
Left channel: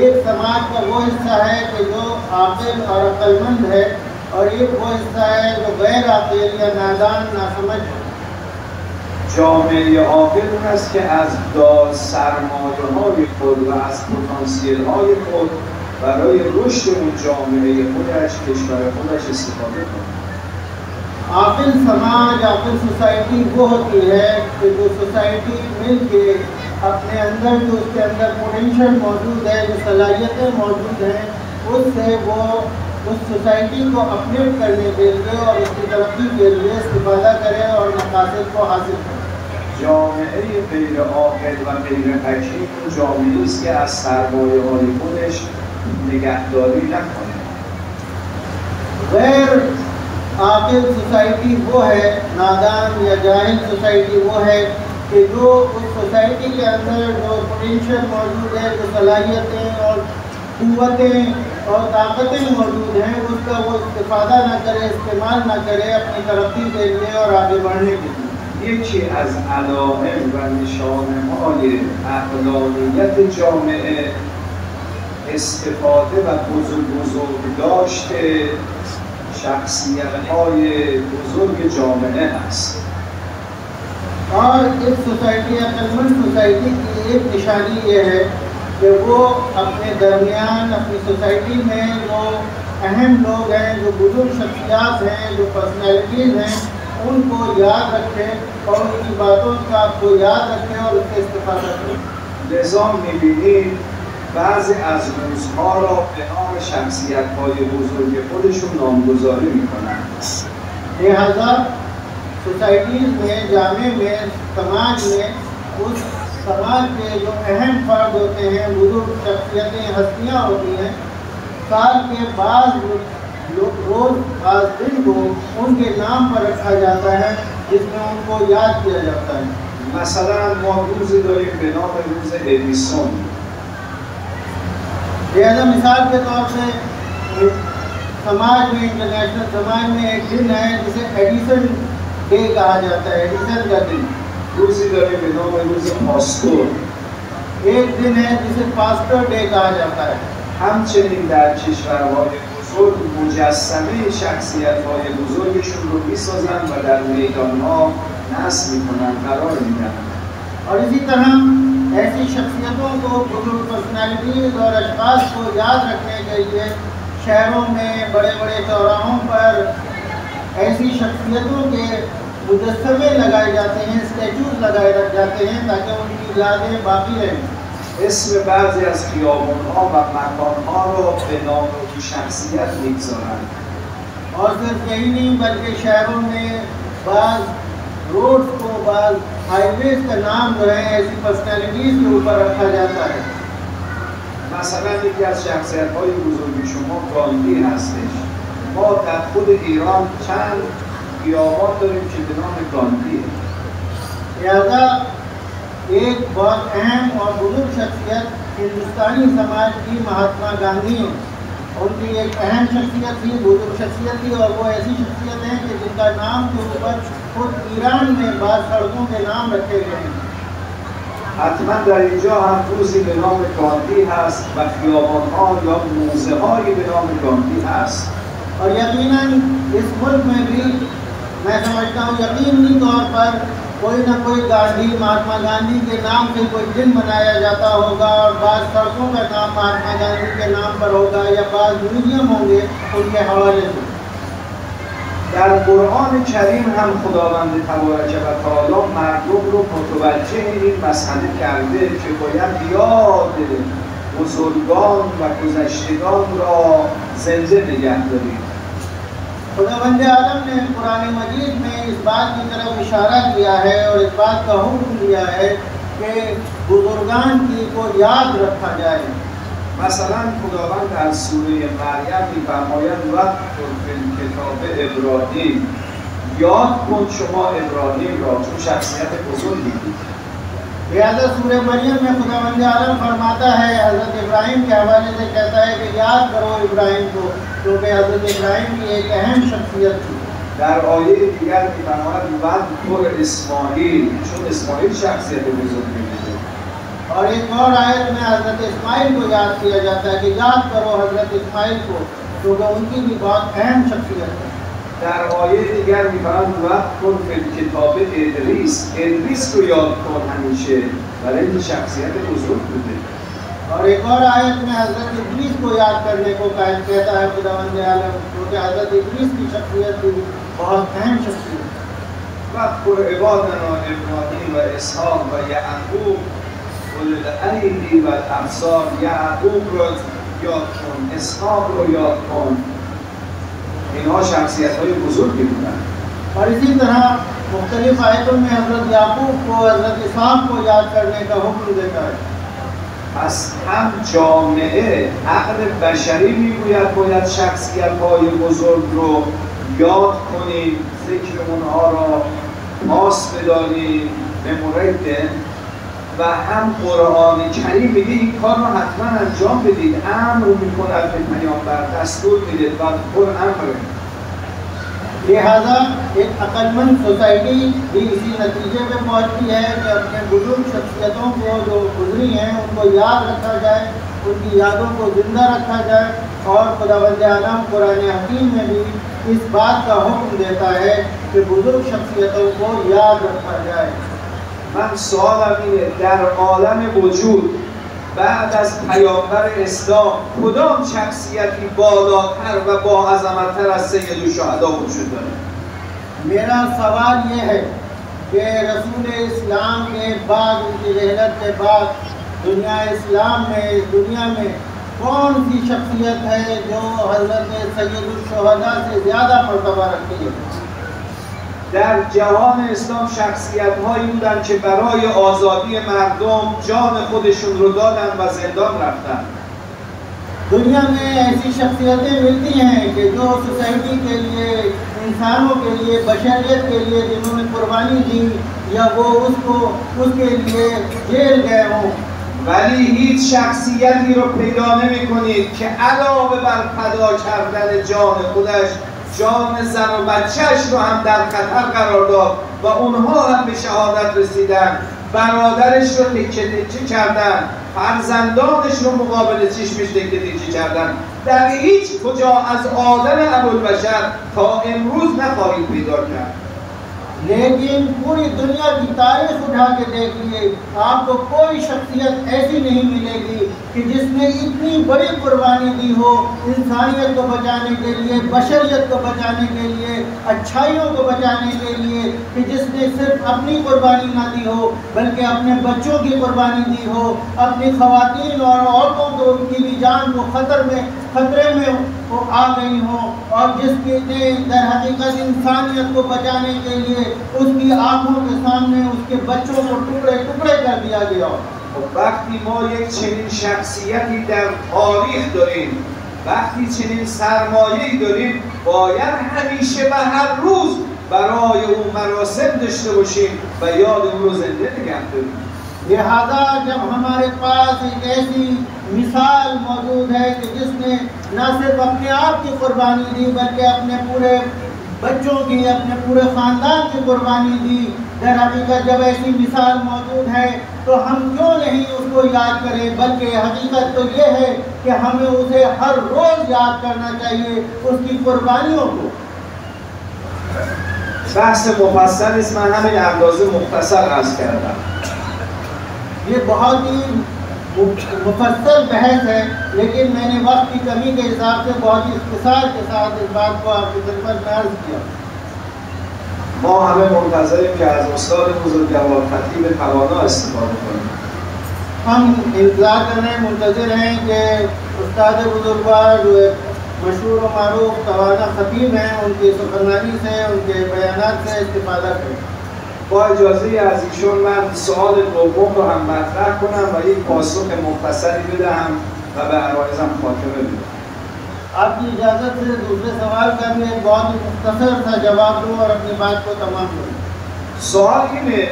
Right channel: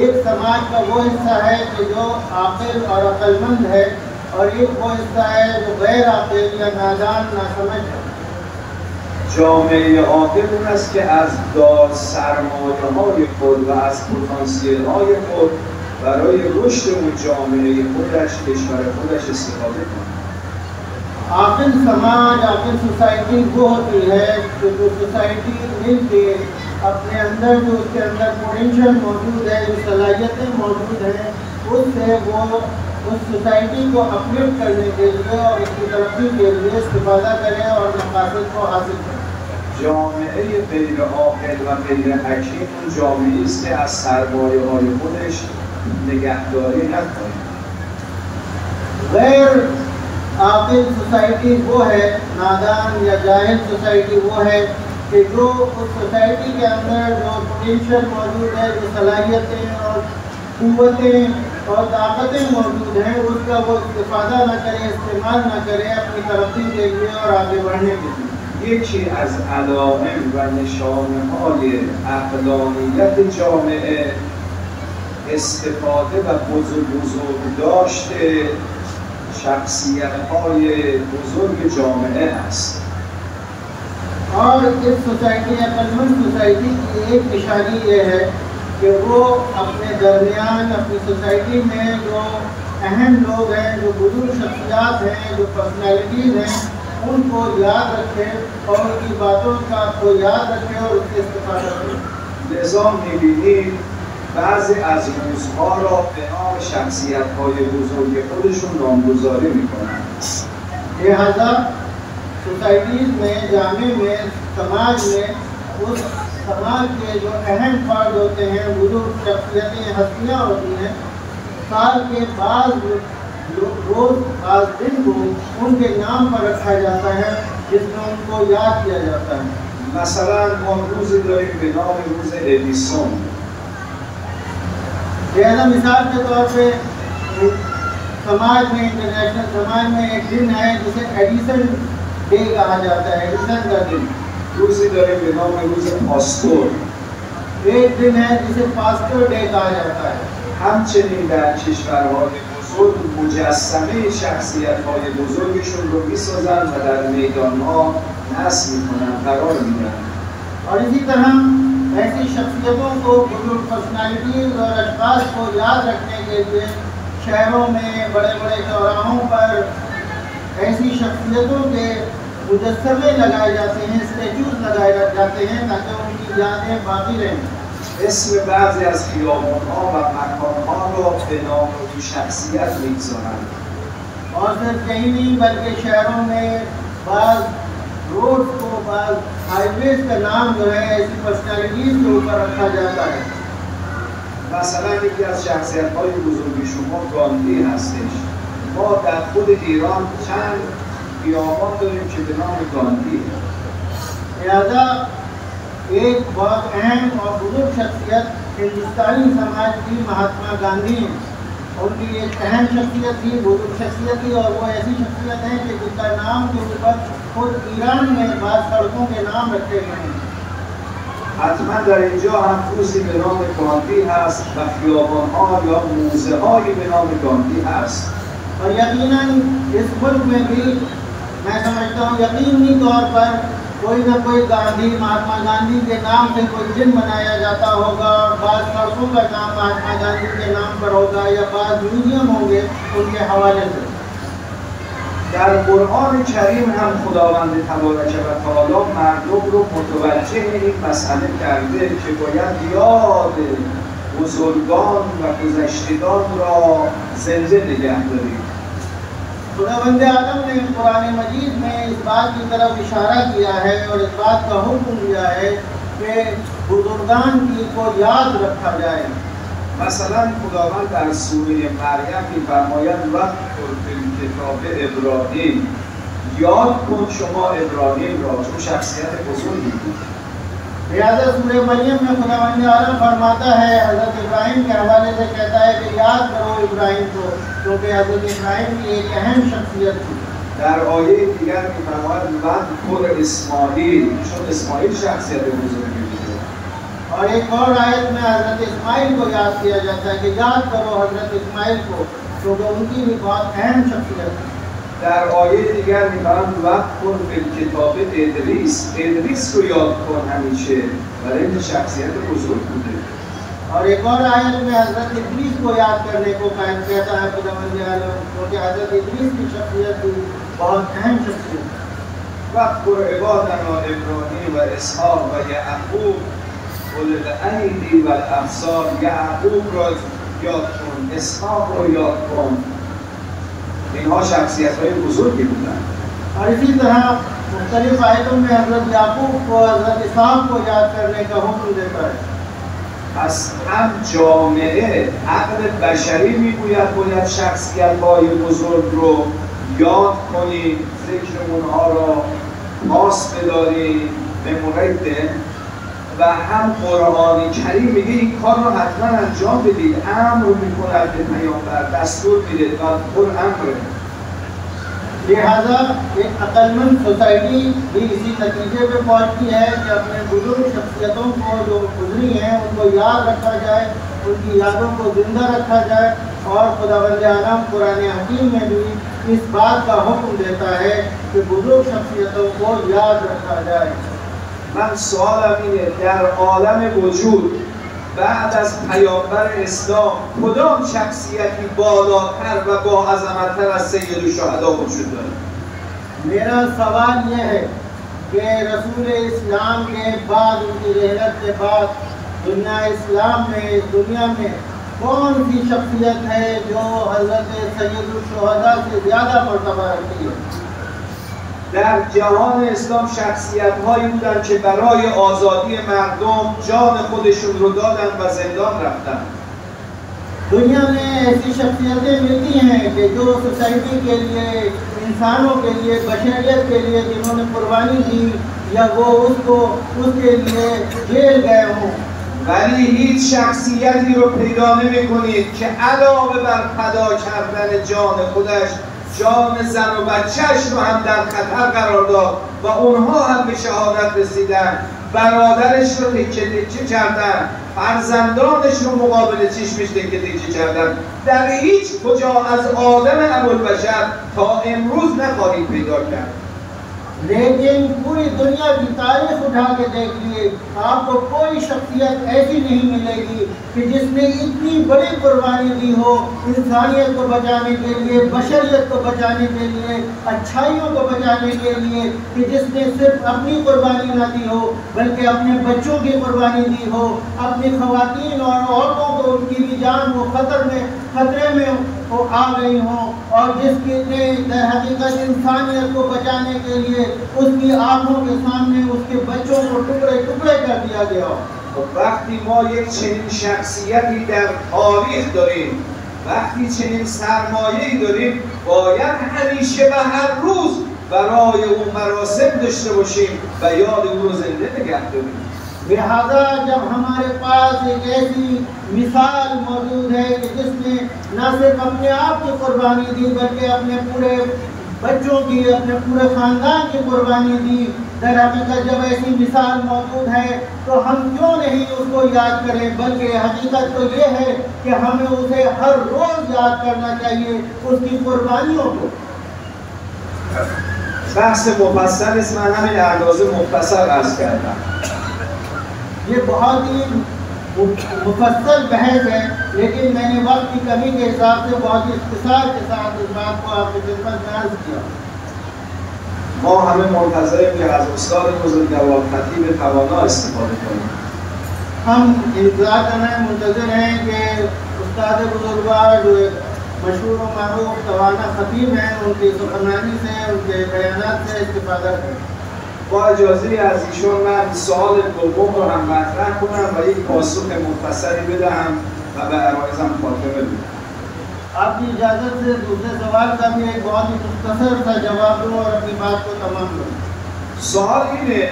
एक समाज का वो हिस्सा है कि जो आकिल और अक्लमंद है और एक वो हिस्सा है जो गैर आकिल या नादान नासमझ है। جامعه عاقل اون است که از سرمایه‌های خود و از پتانسیل‌های خود برای رشد اون جامعه خودش، کشور خودش استفاده کنه. आकिल समाज, आकिल सोसाइटी वो होती है कि जो सोसाइटी मिल के अपने अंदर जो उसके अंदर पोटेंशियल मौजूद है, जो सलाहियतें मौजूद हैं, उससे वो उस सोसाइटी को अपग्रेड करने के लिए और उसकी तरक्की के लिए इस्तेफादा करे और मकासद को हासिल करे। جامعه غیر عاقل و غیر حکیم اون جامعه است که از سرمایه‌های خودش نگهداری نکنه. गैर आकिल सोसाइटी वो है, नादान या जाहिल सोसाइटी वो है कि जो उस सोसाइटी के अंदर जो पोटेंशियल मौजूद है, जो सलाहियतें और क़ुव्वतें और ताकतें मौजूद हैं, उसका वो इस्तेफादा न करे, इस्तेमाल न करे अपनी तरक्की के लिए और आगे बढ़ने के लिए। یکی از علائم و نشانه‌های عقلانیت جامعه استفاده و بزرگداشت شخصیت‌های بزرگ جامعه است. और इस सोसाइटी अक्लमंद सोसाइटी की एक निशानी ये है कि वो अपने दरमियान अपनी सोसाइटी में जो अहम लोग हैं, जो बुजुर्ग शख्सियात हैं, जो पर्सनैलिटीज़ हैं, उनको याद रखें और उनकी बातों का को याद रखें और उससे इस्तेफादा करें। لذا می‌بینید بعضی از روزها را به نام شخصیت‌های بزرگ خودشون نامگذاری می‌کنند. लिहाजा सोसाइटीज़ में, जामे में, समाज में उस समाज के जो अहम फर्द होते हैं, बुजुर्ग शख्सियतें, हस्तियाँ होती हैं, साल के बाद रोज आज दिन को उनके नाम पर रखा जाता है, जिसमें उनको याद किया जाता है। مثلا ما روزی داریم به نام روز ادیسون. लिहाजा मिसाल के तौर पे समाज में, इंटरनेशनल समाज में एक दिन है जिसे एडिसन डे कहा जाता है, एडिसन का दिन। روزی داریم به نام روز پاستور. एक दिन है जिसे पास्टर डे कहा जाता है। همچنین در کشورهای بزرگ مجسمه شخصیت‌های بزرگشون رو می‌سازن و در میدان‌ها نصب می‌کنن، قرار میدن. और इसी तरह ऐसी शख्सियतों को, बुजुर्ग पर्सनालिटीज़ और अशखास को याद रखने के लिए शहरों में बड़े बड़े चौराहों पर ऐसी शख्सियतों के मुजस्समे लगाए जाते हैं, स्टैचूज लगाए जाते हैं ताकि उनकी यादें बाकी रहें. اسم بعضی از خیابان‌ها و مکان‌ها را به نام این شخصیت می‌گذارند. और सिर्फ यही नहीं बल्कि शहरों में बाज़ रोड को, बाज़ हाईवेज का नाम जो है ऐसी पर्सनैलिटीज़ के ऊपर रखा जाता है. مثلا یکی از شخصیت‌های بزرگ شما گاندی هستش. ما در خود ایران چند خیابان داریم که به نام گاندیه. लिहाजा एक बहुत अहम और बुजुर्ग शख्सियत हिंदुस्तानी समाज की महात्मा गांधी हैं. उनकी एक अहम शख्सियत थी, बुजुर्ग शख्सियत थी, और वो ऐसी शख्सियत हैं कि जिनका नाम के ऊपर खुद ईरान में बाद सड़कों के नाम रखे गए हैं. حتما در اینجا هم روزی به نام گاندی هست و خیابان‌ها یا موزه‌هایی به نام گاندی هست. और यकीनन इस मुल्क में भी मैं समझता हूँ यकीनी तौर पर कोई ना कोई गांधी, महात्मा गांधी के नाम से कोई दिन मनाया जाता होगा, और बाद सड़कों का नाम महात्मा गांधी के नाम पर होगा या बाद म्यूजियम होंगे उनके हवाले से. در قرآن کریم هم خداوند تبارک و تعالی مردم رو متوجه این مسئله کرده که باید یاد بزرگان و گذشتگان را زنده نگه داریم. खुदावंद आलम ने कुरान मजीद में इस बात की तरफ इशारा किया है और इस बात का हुक्म दिया है कि बुजुर्गान की को याद रखा जाए. مثلا خداوند در سوره مریم می‌فرماید وَاذْکُرْ فِی الْکتاب ابراهیم، یاد کن شما ابراهیم را، چون شخصیت بزرگی بود. लिहाजा सूरह मरियम में खुदावंद आलम फरमाता है, हज़रत इब्राहिम के हवाले से कहता है कि याद करो इब्राहिम को, क्योंकि हज़रत इब्राहिम की एक अहम शख्सियत थी. در آیه دیگر می‌فرماید وَاذْکُرْ اسماعیل، چون اسماعیل شخصیت بزرگی بود. और एक और आयत में हज़रत इस्माइल को याद किया जाता है कि याद करो हज़रत इस्माइल को, क्योंकि उनकी भी बहुत अहम शख्सियत है. در آیه دیگر می‌فرماید وَاذْکُرْ فِی الْکتاب ادریس کو یاد کن همیشه، برای این شخصیت بزرگ بوده. और एक और आयत में हज़रत इद्रीस को याद करने को कायम कहता है खुदावंद आलम, क्योंकि हज़रत इद्रीस की शख्सियत भी बहुत अहम शख्सियत है. وَاذْکُرْ عِبَادَنَا إِبْرَاهِیمَ وَإِسْحَاقَ وَیعقوب اُولی الْأَیدِی وَالْأَبْصَارِ. یعقوب را یاد کن، اسحاق را یاد کن. اینها شخصیت‌های بزرگی بودند. और इसी तरह मुख्तलिफ आयतों में हज़रत याकूब को, हज़रत इसहाक को याद करने का हुक्म देता है. پس هم جامعه عقل بشری میگوید باید شخصیت‌های بزرگ رو یاد کنید، ذکر اونها را پاس بدارید به مورد، و هم قرآن کریم میگه این کار رو حتما انجام بدید، امر می‌کند به پیامبر، دستور میده و امر. लिहाजा एक अक्लमंद सोसाइटी भी इसी नतीजे पे पहुंचती है कि अपने बुजुर्ग शख्सियतों को जो गुजरी हैं उनको याद रखा जाए, उनकी यादों को जिंदा रखा जाए. और खुदावंद आलम कुरान हकीम में भी इस बात का हुक्म देता है कि बुजुर्ग शख्सियतों को याद रखा जाए. من سوالم اینه در عالم وجود بعد از پیامبر اسلام کدام شخصیتی بالاتر و با عظمت‌تر از سید الشهدا وجود داره؟ मेरा सवाल ये है कि रसूल इस्लाम के बाद, उनकी रहमत के बाद दुनिया में कौन सी शख्सियत है जो हज़रत सैयदुश्शुहदा से ज़्यादा मर्तबा रखती है? در جهان اسلام شخصیت‌هایی بودند که برای آزادی مردم جان خودشون رو دادن و زندان رفتن. दुनिया में ऐसी शख्सियतें मिलती हैं कि जो सोसाइटी के लिए, इंसानों के लिए, बशरियत के लिए जिन्होंने कुर्बानी दी या वो उसके लिए जेल गए हों. ولی هیچ شخصیتی رو پیدا نمی‌کنید که علاوه بر فدا کردن جان خودش جان زن و بچه‌اش رو هم در خطر قرار داد و اونها هم به شهادت رسیدن، برادرش رو تکه کردن، فرزندانش رو مقابل چشمش تکه کردن. در هیچ کجا از آدم ابوالبشر تا امروز نخواهید پیدا کرد. लेकिन पूरी दुनिया की तारीख उठा के देख लिए, आपको कोई शख्सियत ऐसी नहीं मिलेगी कि जिसने इतनी बड़ी कुर्बानी दी हो इंसानियत को बचाने के लिए, बशरियत को बचाने के लिए, अच्छाइयों को बचाने के लिए, कि जिसने सिर्फ अपनी कुर्बानी ना दी हो बल्कि अपने बच्चों की कुर्बानी दी हो, अपनी खवातीन और औरतों को, उनकी भी जान को खतरे में वो आ गई हो, और जिसके दर हकीकत इंसानियत को बचाने के लिए उसकी आंखों के सामने उसके बच्चों को टुकड़े टुकड़े कर दिया गया। وقتی ما یک چنین شخصیتی در تاریخ داریم، وقتی چنین سرمایه‌ای داریم، باید همیشه و هر روز برای اون مراسم داشته باشیم و یاد اون رو زنده نگه داریم. लिहाजा जब हमारे पास एक ऐसी मिसाल मौजूद है कि जिसने न सिर्फ अपने आप की कुर्बानी दी बल्कि अपने पूरे बच्चों की, अपने पूरे ख़ानदान की कुर्बानी दी, दर हकीकत जब ऐसी मिसाल मौजूद है तो हम क्यों नहीं उसको याद करें, बल्कि हकीकत तो ये है कि हमें उसे हर रोज़ याद करना चाहिए, उसकी कुर्बानियों को। بحث مفصل است، من همین اندازه مختصر عرض کردم. ये बहुत ही मुफस्सल बहस है, लेकिन मैंने वक्त की कमी के हिसाब से बहुत ही इख्तिसार के साथ इस बात को आपकी खिदमत में अर्ज किया। ما همه منتظریم که از استاد بزرگوار خطیب توانا استفاده کنیم. हम इंतजार कर रहे हैं, मुंतज़िर हैं कि उस्ताद बुजुर्गवार जो मशहूर व मारूफ तवाना खतीब हैं, उनकी सुखनानी से, उनके बयानात से इस्तिफादा करें। با اجازه از ایشون من سوال دوم رو هم مطرح کنم و یک پاسخ مختصری بدهم و به عرایزم خاتمه بدم. आपकी इजाज़त से दूसरे सवाल का भी एक बहुत ही मुख्तसर सा जवाब दूँ और अपनी बात को तमाम करूँ। سوال اینه،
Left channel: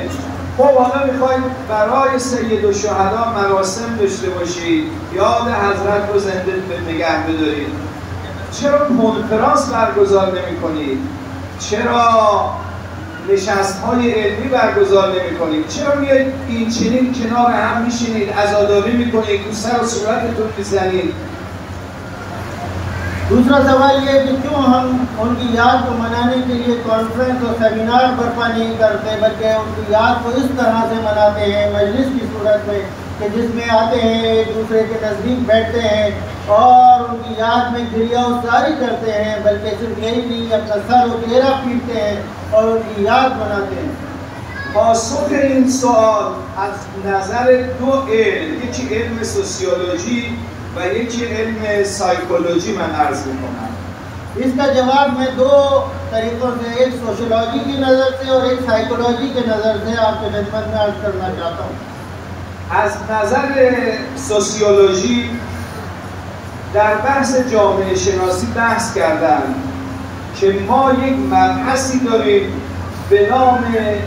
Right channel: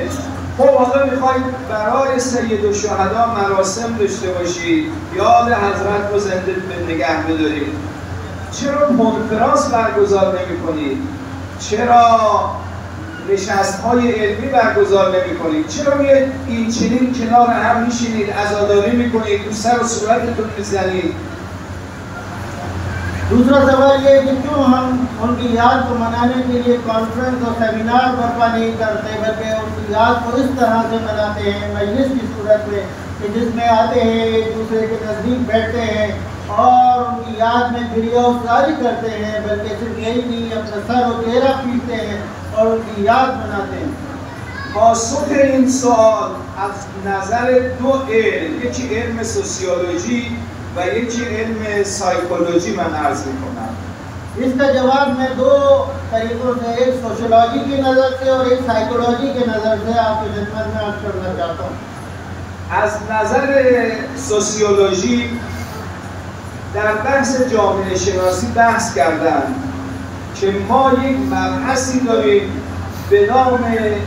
خب حالا میخواید برای سید الشهدا مراسم داشته باشید، یاد حضرت رو زنده نگه بدارید، چرا کنفرانس برگزار نمی‌کنید؟ چرا نشست‌های علمی برگزار نمی‌کنید؟ چرا میایید این چنین کنار هم میشینید، عزاداری می‌کنید، تو سر و صورتتون می‌زنید؟ दूसरा सवाल ये है कि क्यों हम उनकी याद को मनाने के लिए कॉन्फ्रेंस और सेमिनार बर्पा नहीं करते, बल्कि उनकी याद को इस तरह से मनाते हैं मजलिस की सूरत में कि जिसमें आते हैं, एक दूसरे के नज़दीक बैठते हैं और उनकी याद में गिरियाउज़ारी करते हैं, बल्कि सिर्फ यही नहीं, अपना सर और चेहरा पीटते हैं और उनकी याद मनाते हैं। پاسخ این سوال از نظر دو علم، یکی علم سوسیولوژی و یکی علم سایکولوژی من عرض می‌کنم. इसका जवाब मैं दो तरीकों से, एक सोशलॉजी की नज़र से और एक साइकोलॉजी की नज़र से आपको खिदमत में अर्ज करना चाहता हूँ। از نظر سوسیولوژی در بحث جامعه شناسی بحث کردن که ما یک مبحثی داریم به نام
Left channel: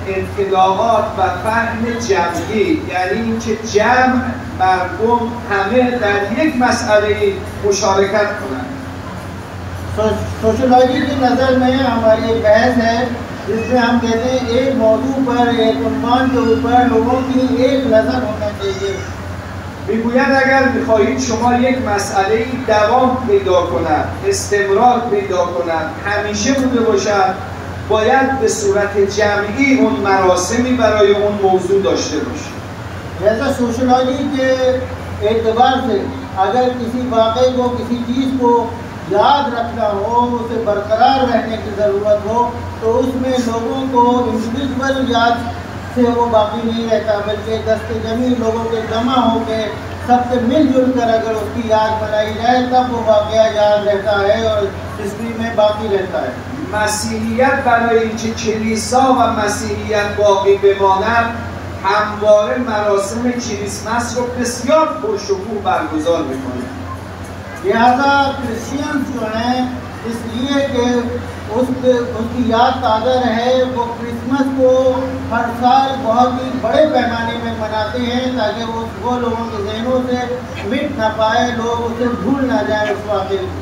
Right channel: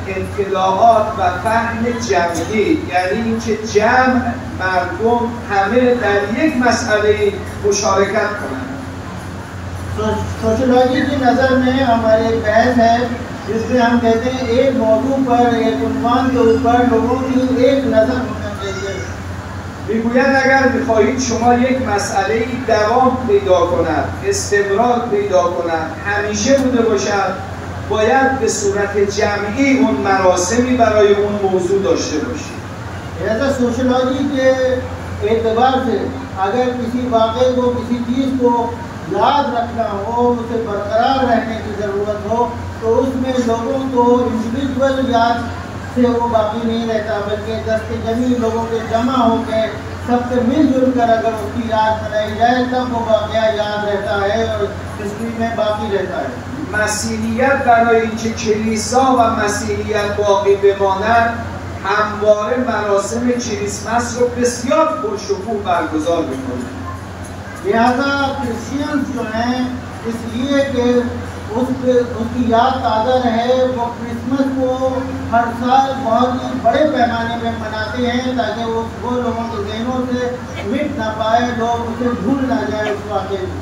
اطلاعات و فهم جمعی، یعنی اینکه جمع مردم همه در یک مسئله مشارکت کنند. सोशलॉजी की नज़र में हमारी एक बहस है जिसमें हम कहते हैं एक मौजू पर, एक उन्वान के ऊपर लोगों की एक नज़र होना चाहिए। میگوید اگر میخواهید شما یک مسئله دوام پیدا کند، استمرار پیدا کند، همیشه بوده باشد، باید به صورت جمعی اون مراسمی برای اون موضوع داشته باشید. वैसे सोशलॉजी के एतबार से अगर किसी वाक़े को, किसी चीज़ को याद रखना हो, उसे बरकरार रहने की ज़रूरत हो, तो उसमें लोगों को इंडिविजुअल याद से वो बाकी नहीं रहता, बल्कि दस्ते जमी लोगों के जमा होकर सबसे मिलजुल कर अगर उसकी याद बनाई जाए तब वो वाक़या याद रहता है और हिस्ट्री में बाकी रहता है। مسیحیت برای اینکه کلیسا و مسیحیت باقی بماند همواره مراسم کریسمس رو بسیار پرشکوه برگزار می‌کنه. लिहाजा क्रिश्चियंस जो हैं इसलिए कि उसकी याद ताज़ा रहे, वो क्रिसमस को हर साल बहुत ही बड़े पैमाने में मनाते हैं ताकि वो लोगों के ज़हनों से मिट ना पाए, लोग उसे भूल ना जाए उस वाक़े को।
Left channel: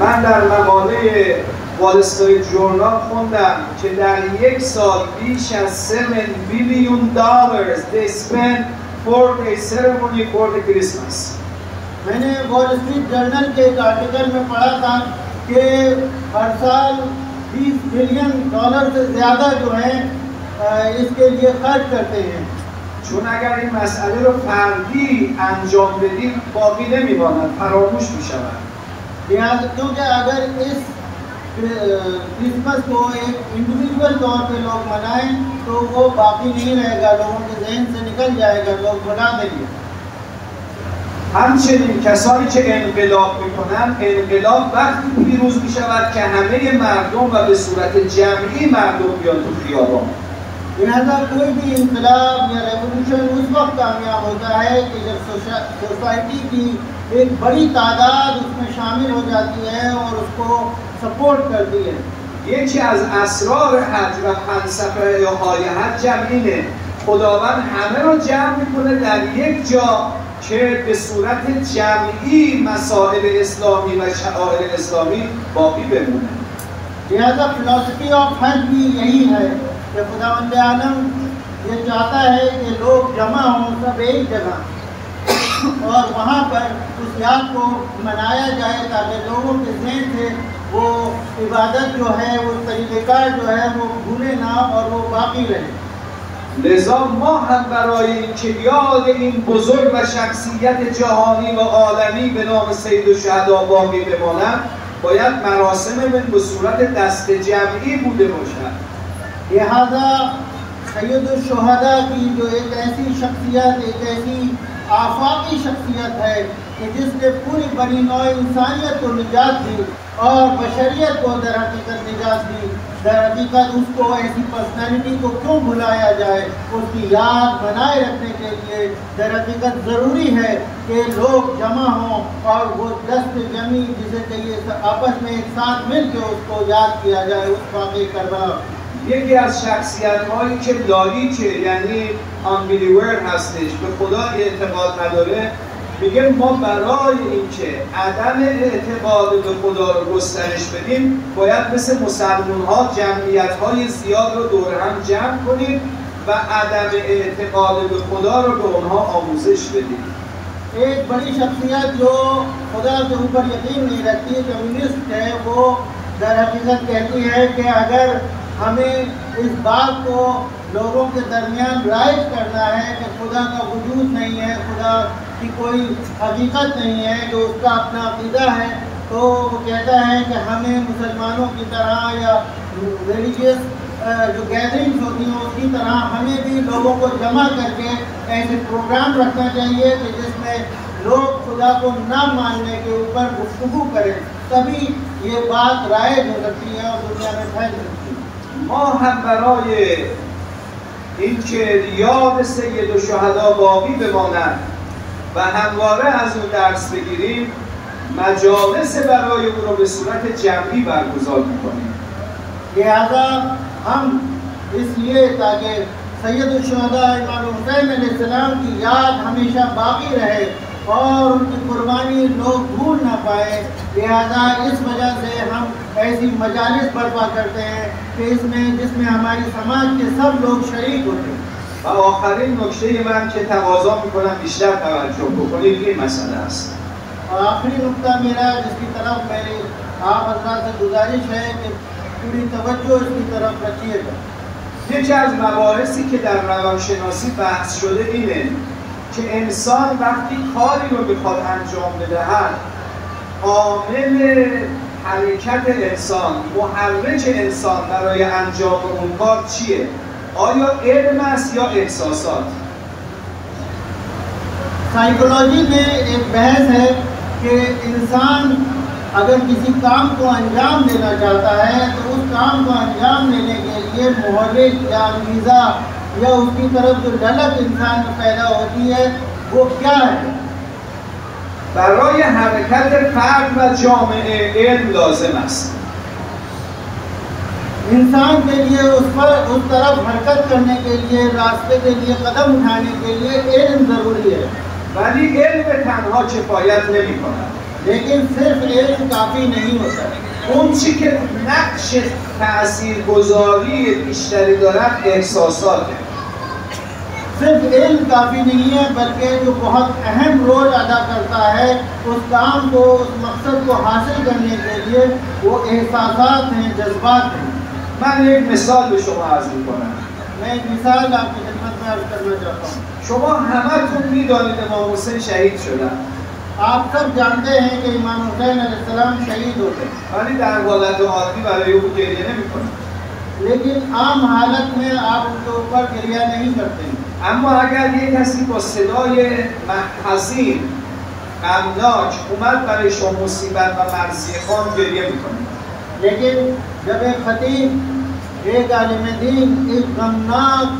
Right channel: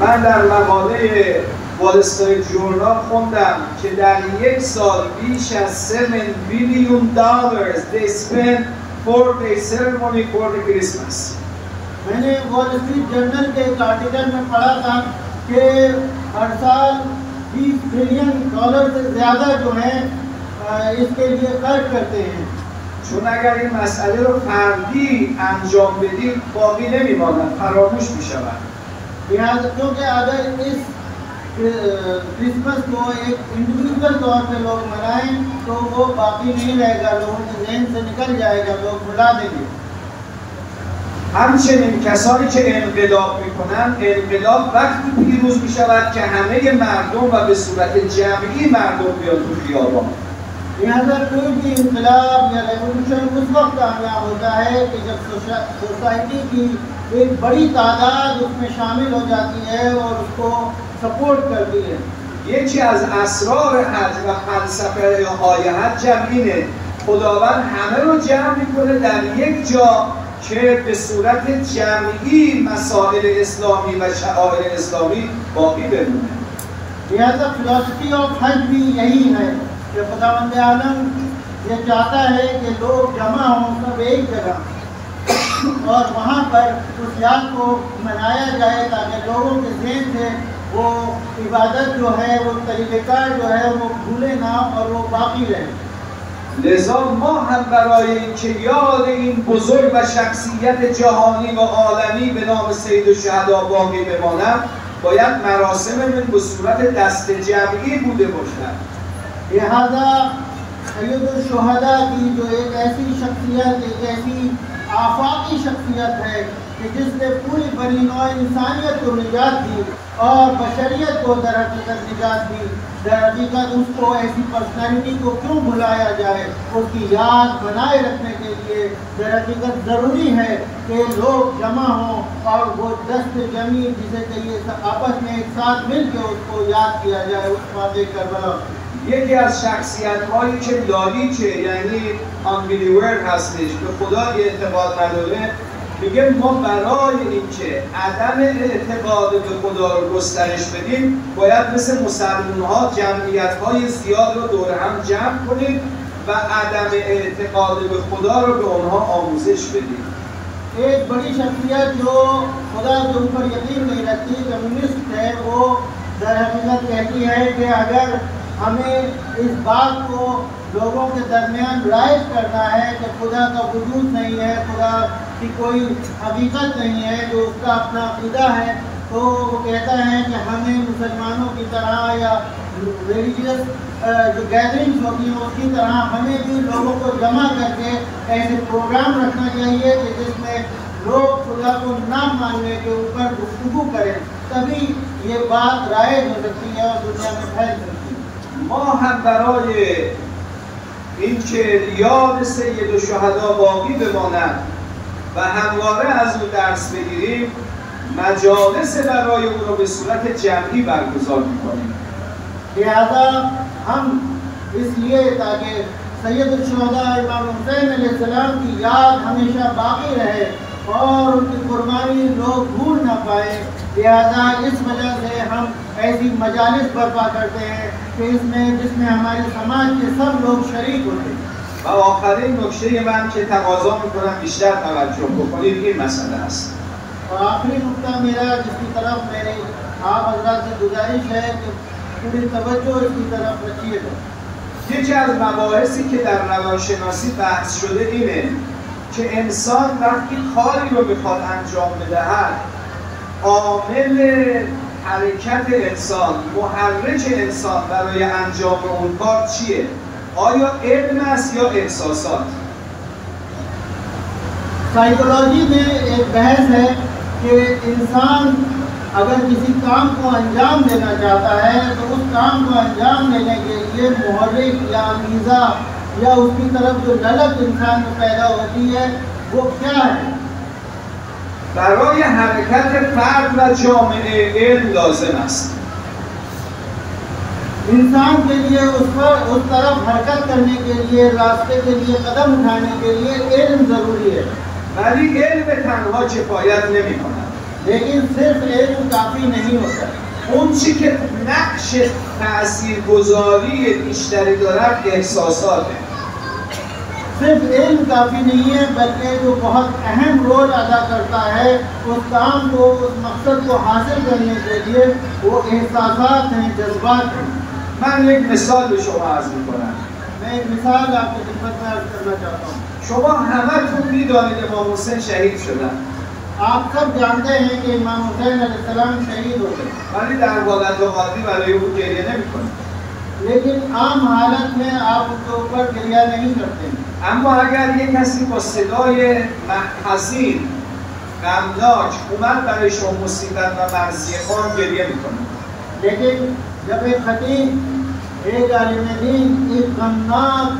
من در مقاله وال استریت ژورنال خوندم که در یک سال بیش از 7 billion دلار they spend for the ceremony for the Christmas. मैंने वॉल स्ट्रीट जर्नल के एक आर्टिकल में पढ़ा था कि हर साल $20 बिलियन से ज़्यादा जो है इसके लिए खर्च करते हैं। چون اگر این مسئله رو فردی انجام بدیم باقی نمیماند، فراموش میشود. क्योंकि अगर इस क्रिसमस को एक इंडिविजुअल तौर पे लोग मनाएं तो वो बाकी नहीं रहेगा, लोगों के जहन से निकल जाएगा, लोग भुला देंगे। همچنین کسانی که انقلاب میکنن، انقلاب وقتی پیروز میشود که همه مردم و به صورت جمعی مردم بیان تو خیابان. लिहाजा कोई भी इंकलाब या रेवोल्यूशन उस वक्त कामयाब होता है कि जब सोसाइटी की एक बड़ी तादाद उसमें शामिल हो जाती है और उसको सपोर्ट करती है। یکی از اسرار حج و فلسفه های حج اینه خداوند همه رو جمع میکنه در یک جا که به صورت جمعی مسائل اسلامی و شعائر اسلامی باقی بمونه. लिहाजा फिलॉसफी ऑफ हज भी यही है कि खुदावंद आलम ये चाहता है कि लोग जमा हों सब एक जगह और वहाँ पर उस याद को मनाया जाए ताकि लोगों के ज़हन से वो इबादत जो है, वो तरीक़ेकार जो है वो भूले ना और वो बाकी रहे। لذا ما هم برای اینکه یاد این بزرگ و شخصیت جهانی و عالمی به نام سیدالشهدا باقی بماند باید مراسممون به صورت دست جمعی بوده باشد. लिहाजा सैयदुल-शुहदा की जो एक ऐसी शख्सियत, एक ऐसी आफाकी शख्सियत है कि जिसने पूरी बनी नौ इंसानियत को निजात दी और बशरियत को दरहकीकत निजात दी, दरहकीकत उसको ऐसी पर्सनैलिटी को क्यों भुलाया जाए। उसकी याद बनाए रखने के लिए दरहकीकत ज़रूरी है कि लोग जमा हों और वो दस्त जमी जिसे चाहिए आपस में एक साथ मिल के उसको याद किया जाए उस वाक़े करबला। یکی از شخصیت‌هایی که لاریکه یعنی آنبیلیور هستش به خدا اعتقاد نداره میگه ما برای اینکه عدم اعتقاد به خدا رو گسترش بدیم باید مثل مسلمان‌ها جمعیت‌های زیاد رو دور هم جمع کنیم و عدم اعتقاد به خدا رو به اونها آموزش بدیم. एक बड़ी शख्सियत जो खुदा के ऊपर यकीन नहीं रखती, कम्युनिस्ट है, वो दरहकीकत कहती है कि अगर हमें इस बात को लोगों के दरमियान राइज करना है कि खुदा का वजूद नहीं है, खुदा की कोई हकीकत नहीं है, जो उसका अपना अक़ीदा है, तो वो कहता है कि हमें मुसलमानों की तरह या रिलीजियस जो गैदरिंग्स होती हैं उसकी तरह हमें भी लोगों को जमा करके ऐसे प्रोग्राम रखना चाहिए कि जिसमें लोग खुदा को ना मानने के ऊपर गुफ्तगू करें, तभी ये बात राइज हो सकती है और दुनिया में फैल सकती है। ما هم برای اینکه یاد سیدالشهدا باقی بماند و همواره از او درس بگیریم مجالس برای او را به صورت جمعی برگزار می‌کنیم. लिहाजा हम इसलिए ताकि सैयदुल-शुहदा इमाम हुसैन अलैहिस्सलाम की याद हमेशा बाकी रहे और उनकी कुर्बानी लोग भूल ना पाए, लिहाजा इस वजह से हम ऐसी मजालिस बर्पा करते हैं कि जिसमें हमारे समाज के सब लोग शरीक होते हैं। و آخرین نکته من که تقاضا می‌کنم بیشتر توجه بکنید این مسئله است. और आखिरी नुक्ता मेरा जिसकी तरफ मेरी आप हज़रात से गुजारिश है कि पूरी तवज्जो इसकी तरफ रखिएगा। یکی از مباحثی که در روانشناسی بحث شده اینه که انسان وقتی کاری رو بخواد انجام بدهد عامل حرکت انسان، محرک انسان برای انجام اون کار چیه؟ آیا علم است یا احساسات؟ साइकोलॉजी में एक बहस है कि इंसान अगर किसी काम को अंजाम देना चाहता है तो उस काम को अंजाम देने के लिए मुहर्रिक या मीज़ा या उसकी तरफ जो ललक इंसान को पैदा होती है वो क्या है। برای حرکت فرد و جامعه علم لازم است. इंसान के लिए उस तरफ हरकत करने के लिए, रास्ते के लिए कदम उठाने के लिए इल्म ज़रूरी है। ولی علم تنها کفایت نمی‌کند. लेकिन सिर्फ इल्म काफ़ी नहीं होता। اون چی که نقش تاثیرگذاری بیشتری دارد احساساته. सिर्फ इल्म काफ़ी नहीं है बल्कि वो बहुत अहम रोल अदा करता है उस काम को, उस मकसद मकसद को हासिल करने के लिए वो एहसासात हैं, जज्बात हैं। من یک مثال به شما عرض می‌کنم. मैं एक मिसाल आपको खिदमत में अर्ज करना चाहता हूँ। شما همتون می‌دانید امام حسین شهید شدن. आप सब जानते हैं कि इमाम हुसैन अलैहिस्सलाम शहीद हो गए, ولی در حالت عادی برای او گریه نمی‌کنید. लेकिन आम हालत में आप उनके ऊपर गिरिया नहीं करते हैं। اما اگر یک کسی با صدای حزین غمناک اومد برای شما مصیبت و مرثیه خوان گریه می‌کنه. लेकिन जब एक खतीब, एक आलिम दीन एक गमनाक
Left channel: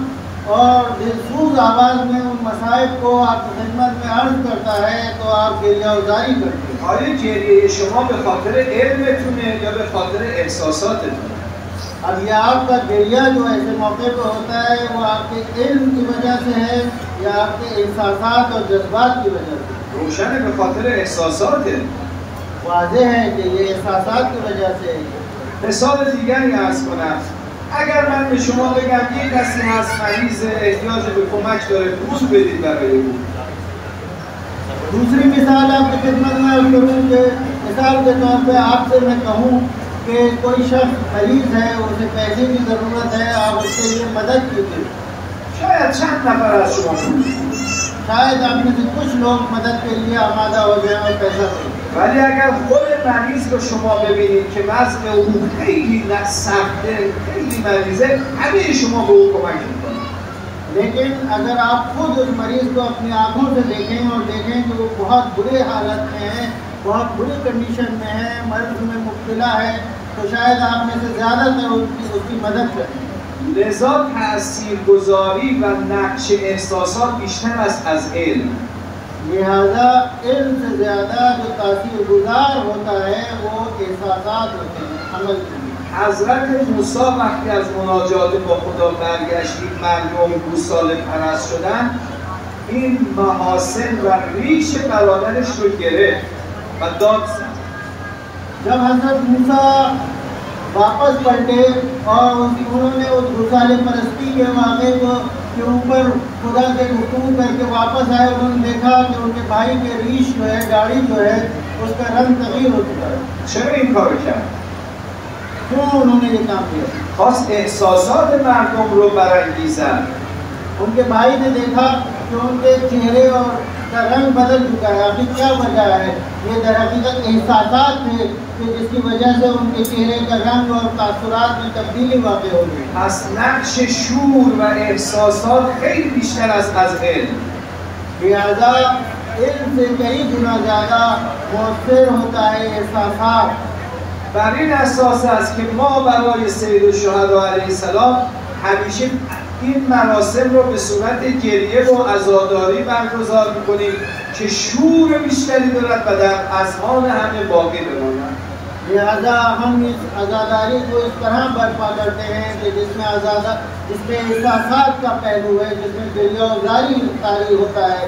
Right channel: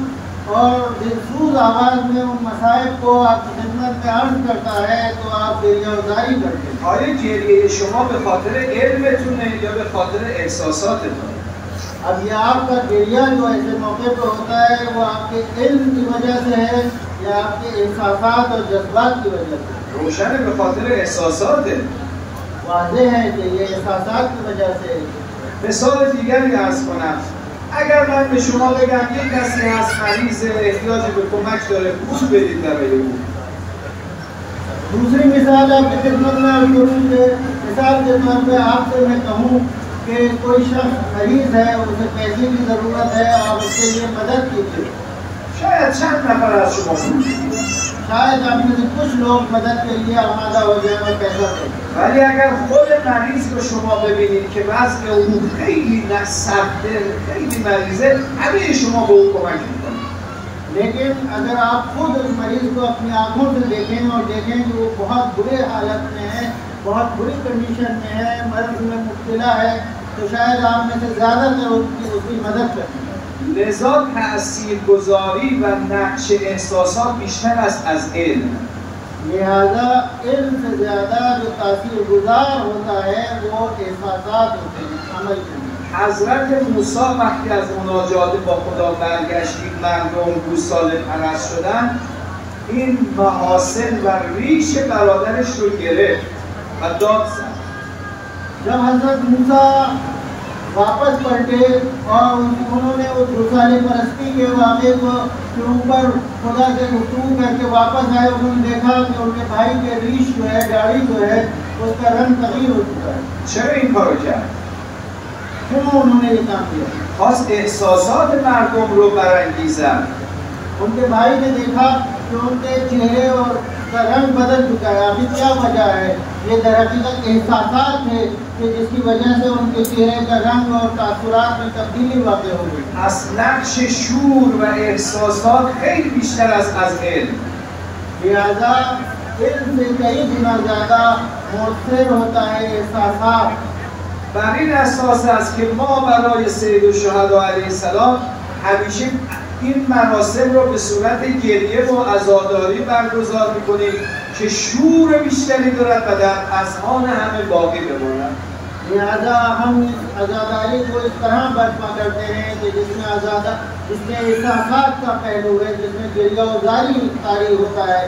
और दिलसूज आवाज़ में उन मसाइब को आपकी खिदमत में अर्ज करता है तो आप गिरिया उजारी करते हैं। آیا گریه شما به خاطر علمتونه یا به خاطر احساساتتونه؟ अब ये आपका गिरिया जो ऐसे मौके पर होता है वो आपके इल्म की वजह से है या आपके एहसासात और जज्बात की वजह से? روشنه به خاطر احساساته. वाज़ेह है कि ये एहसासात की वजह से। مثال دیگری عرض کنم. اگر من به شما بگم یک کسی هست مریض احتیاج به کمک داره پول بدید برای او. दूसरी मिसाल आपकी खिदमत में अर्ज करूँ कि मिसाल के तौर पर आपसे मैं कहूँ कि कोई शख्स मरीज है, उसे पैसे की ज़रूरत है, आप उसके लिए मदद कीजिए। شاید چند نفر از شما शायद आप में से कुछ लोग मदद के लिए आमादा हो जाए और पैसा दें। ولی اگر خود مریض رو شما ببینید که وضع او خیلی سخته، خیلی مریضه، همه شما به او کمک می‌کنید. लेकिन अगर आप खुद उस मरीज को अपनी आंखों से देखें और देखें कि वो बहुत बुरे हालत में है, बहुत बुरी कंडीशन में है, मर्ज में मुब्तला है, तो शायद आप में से ज़्यादातर उसकी मदद करें। لذا تاثیرگذاری و نقش احساسات بیشتر است از علم. लिहाजा इल्म से ज़्यादा जो तासीरगुज़ार होता है वो एहसासात होते हैं, अमल के लिए। حضرت موسی وقتی از مناجات با خدا برگشتید مردم گوساله پرست شدن، این محاسن و ریش برادرش رو گرفت و داد زد. जब हज़रत मूसा वापस पलटे और उन्होंने उस गुसाले परस्ती के वाक़े को के ऊपर खुदा से गुफ्तगू करके वापस आए, उन्होंने देखा कि उनके भाई के रीश जो है, दाढ़ी जो है, उसका रंग तगीर हो चुका है। چرا این کارو کرد؟ क्यों उन्होंने ये काम किया? خواست احساسات مردم رو برانگیزد. उनके भाई ने देखा कि उनके चेहरे और का रंग बदल चुका है। अभी क्या वजह है? ये दरअसल एहसासात थे कि जिसकी वजह से उनके चेहरे का रंग और तासुरात में तब्दीली वाक़ हो गई। پس نقش شعور و احساسات خیلی بیشتر است از علم. लिहाजा इल्म से कई गुना ज़्यादा मुअस्सिर होता है एहसासात। بر این اساس است که ما برای سید الشهدا علیه السلام همیشه این مراسم رو به صورت گریه و عزاداری برگزار می‌کنیم که شور بیشتری دارد و در اذهان همه باقی بماند. लिहाजा हम इस आज़ादारी को इस तरह बर्पा करते हैं कि जिसमें एहसासात का पहलू है, जिसमें गिरिया उजारी तारी होता है,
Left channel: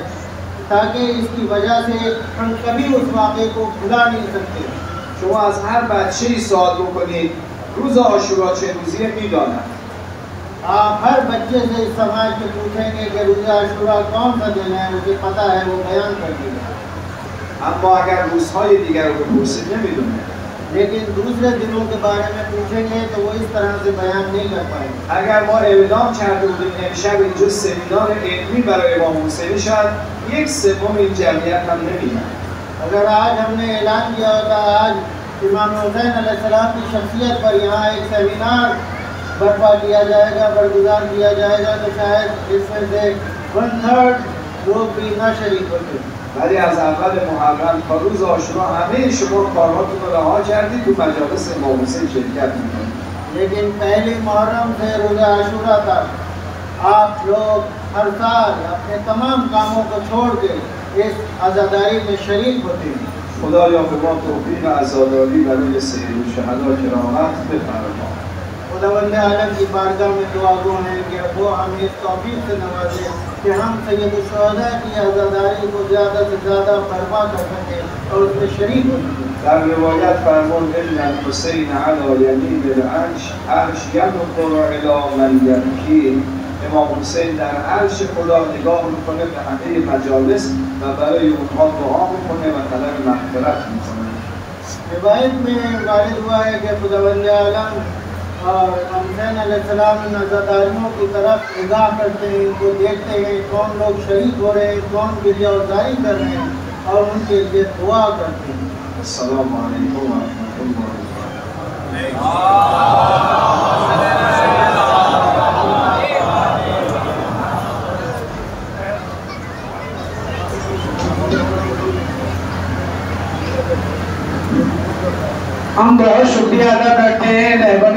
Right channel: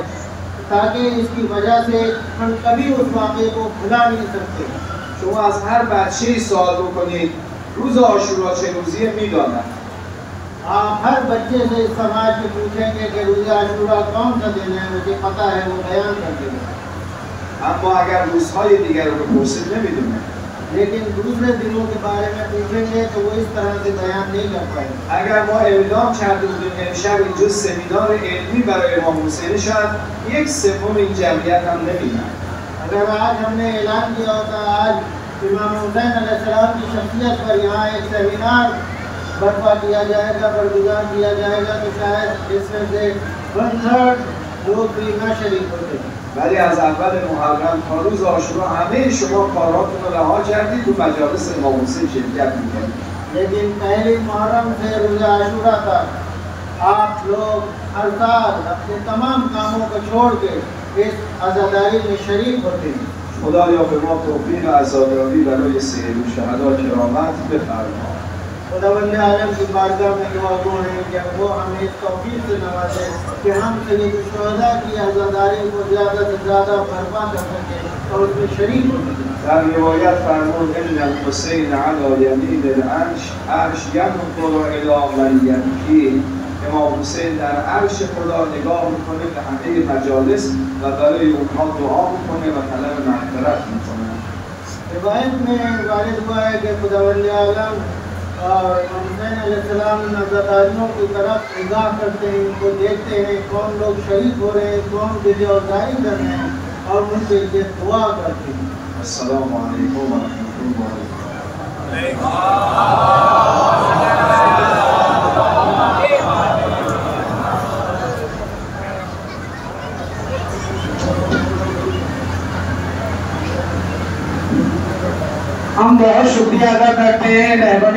ताकि इसकी वजह से हम कभी उस वाक़े को भुला नहीं सकते। شما از هر بچه‌ای سوال بکنید روز عاشورا چه روزیه می‌داند. आप हर बच्चे से इस समाज में पूछेंगे कि रोज़ा आशूरा कौन सा दिन है, मुझे पता है, वो बयान कर देगा। اما اگر روزهای دیگر رو بپرسید نمی‌دونه. लेकिन दूसरे दिनों के बारे में पूछेंगे तो वो इस तरह से बयान नहीं कर पाएंगे। اگر ما اعلام کرده بودیم امشب اینجا سمینار علمی برای امام حسین شاید 1/3 این جمعیت هم نمی‌آمد. अगर आज हमने ऐलान किया होता आज इमाम हुसैन अलैहिस्सलाम की शख्सियत पर यहाँ एक सेमिनार बर्पा किया जाएगा, बरगुज़ार किया जाएगा, तो शायद इसमें से 1/3 लोग भी यहाँ शरीक होते। ولی از اول محرم تا روز عاشورا همه شما کارهاتون رو رها کردید و مجالس امام حسین شرکت می‌کنید. लेकिन पहले मुहर्रम से रोज़ा आशूरा तक आप लोग हर साल अपने तमाम कामों को छोड़ के इस आज़ादारी में शरीक होते हैं। خدایا به ما توفیق عزاداری برای سید الشهدا کرامت بفرما. खुदावंद आलम की बारगाह में दुआ गो हैं कि वो हमें इस तौफीक से नवाजे कि हम सैयद शुहदा की आज़ादारी को ज़्यादा से ज़्यादा बर्पा कर सकें और उसमें शरीक हो सकें। در روایت فرمود ان الحسین علی یمین العرش عرش ينظر الی من یبکی. امام حسین در عرش خدا نگاه میکنه به همه مجالس و برای اونها دعا میکنه و طلب مغفرت میکنه. रिवायत में वारिद हुआ है कि खुदावंद आलम और हुसैन अलैहिस्सलाम नज़ादारों की तरफ निगाह करते हैं, उनको देखते हैं कौन लोग शहीद हो रहे हैं, कौन गिरियावतारी कर रहे हैं और उनके लिए दुआ करते हैं। अस्सलामु अलैकुम व रहमतुल्लाहि हम बहुत शुक्रिया अदा करते हैं रहबर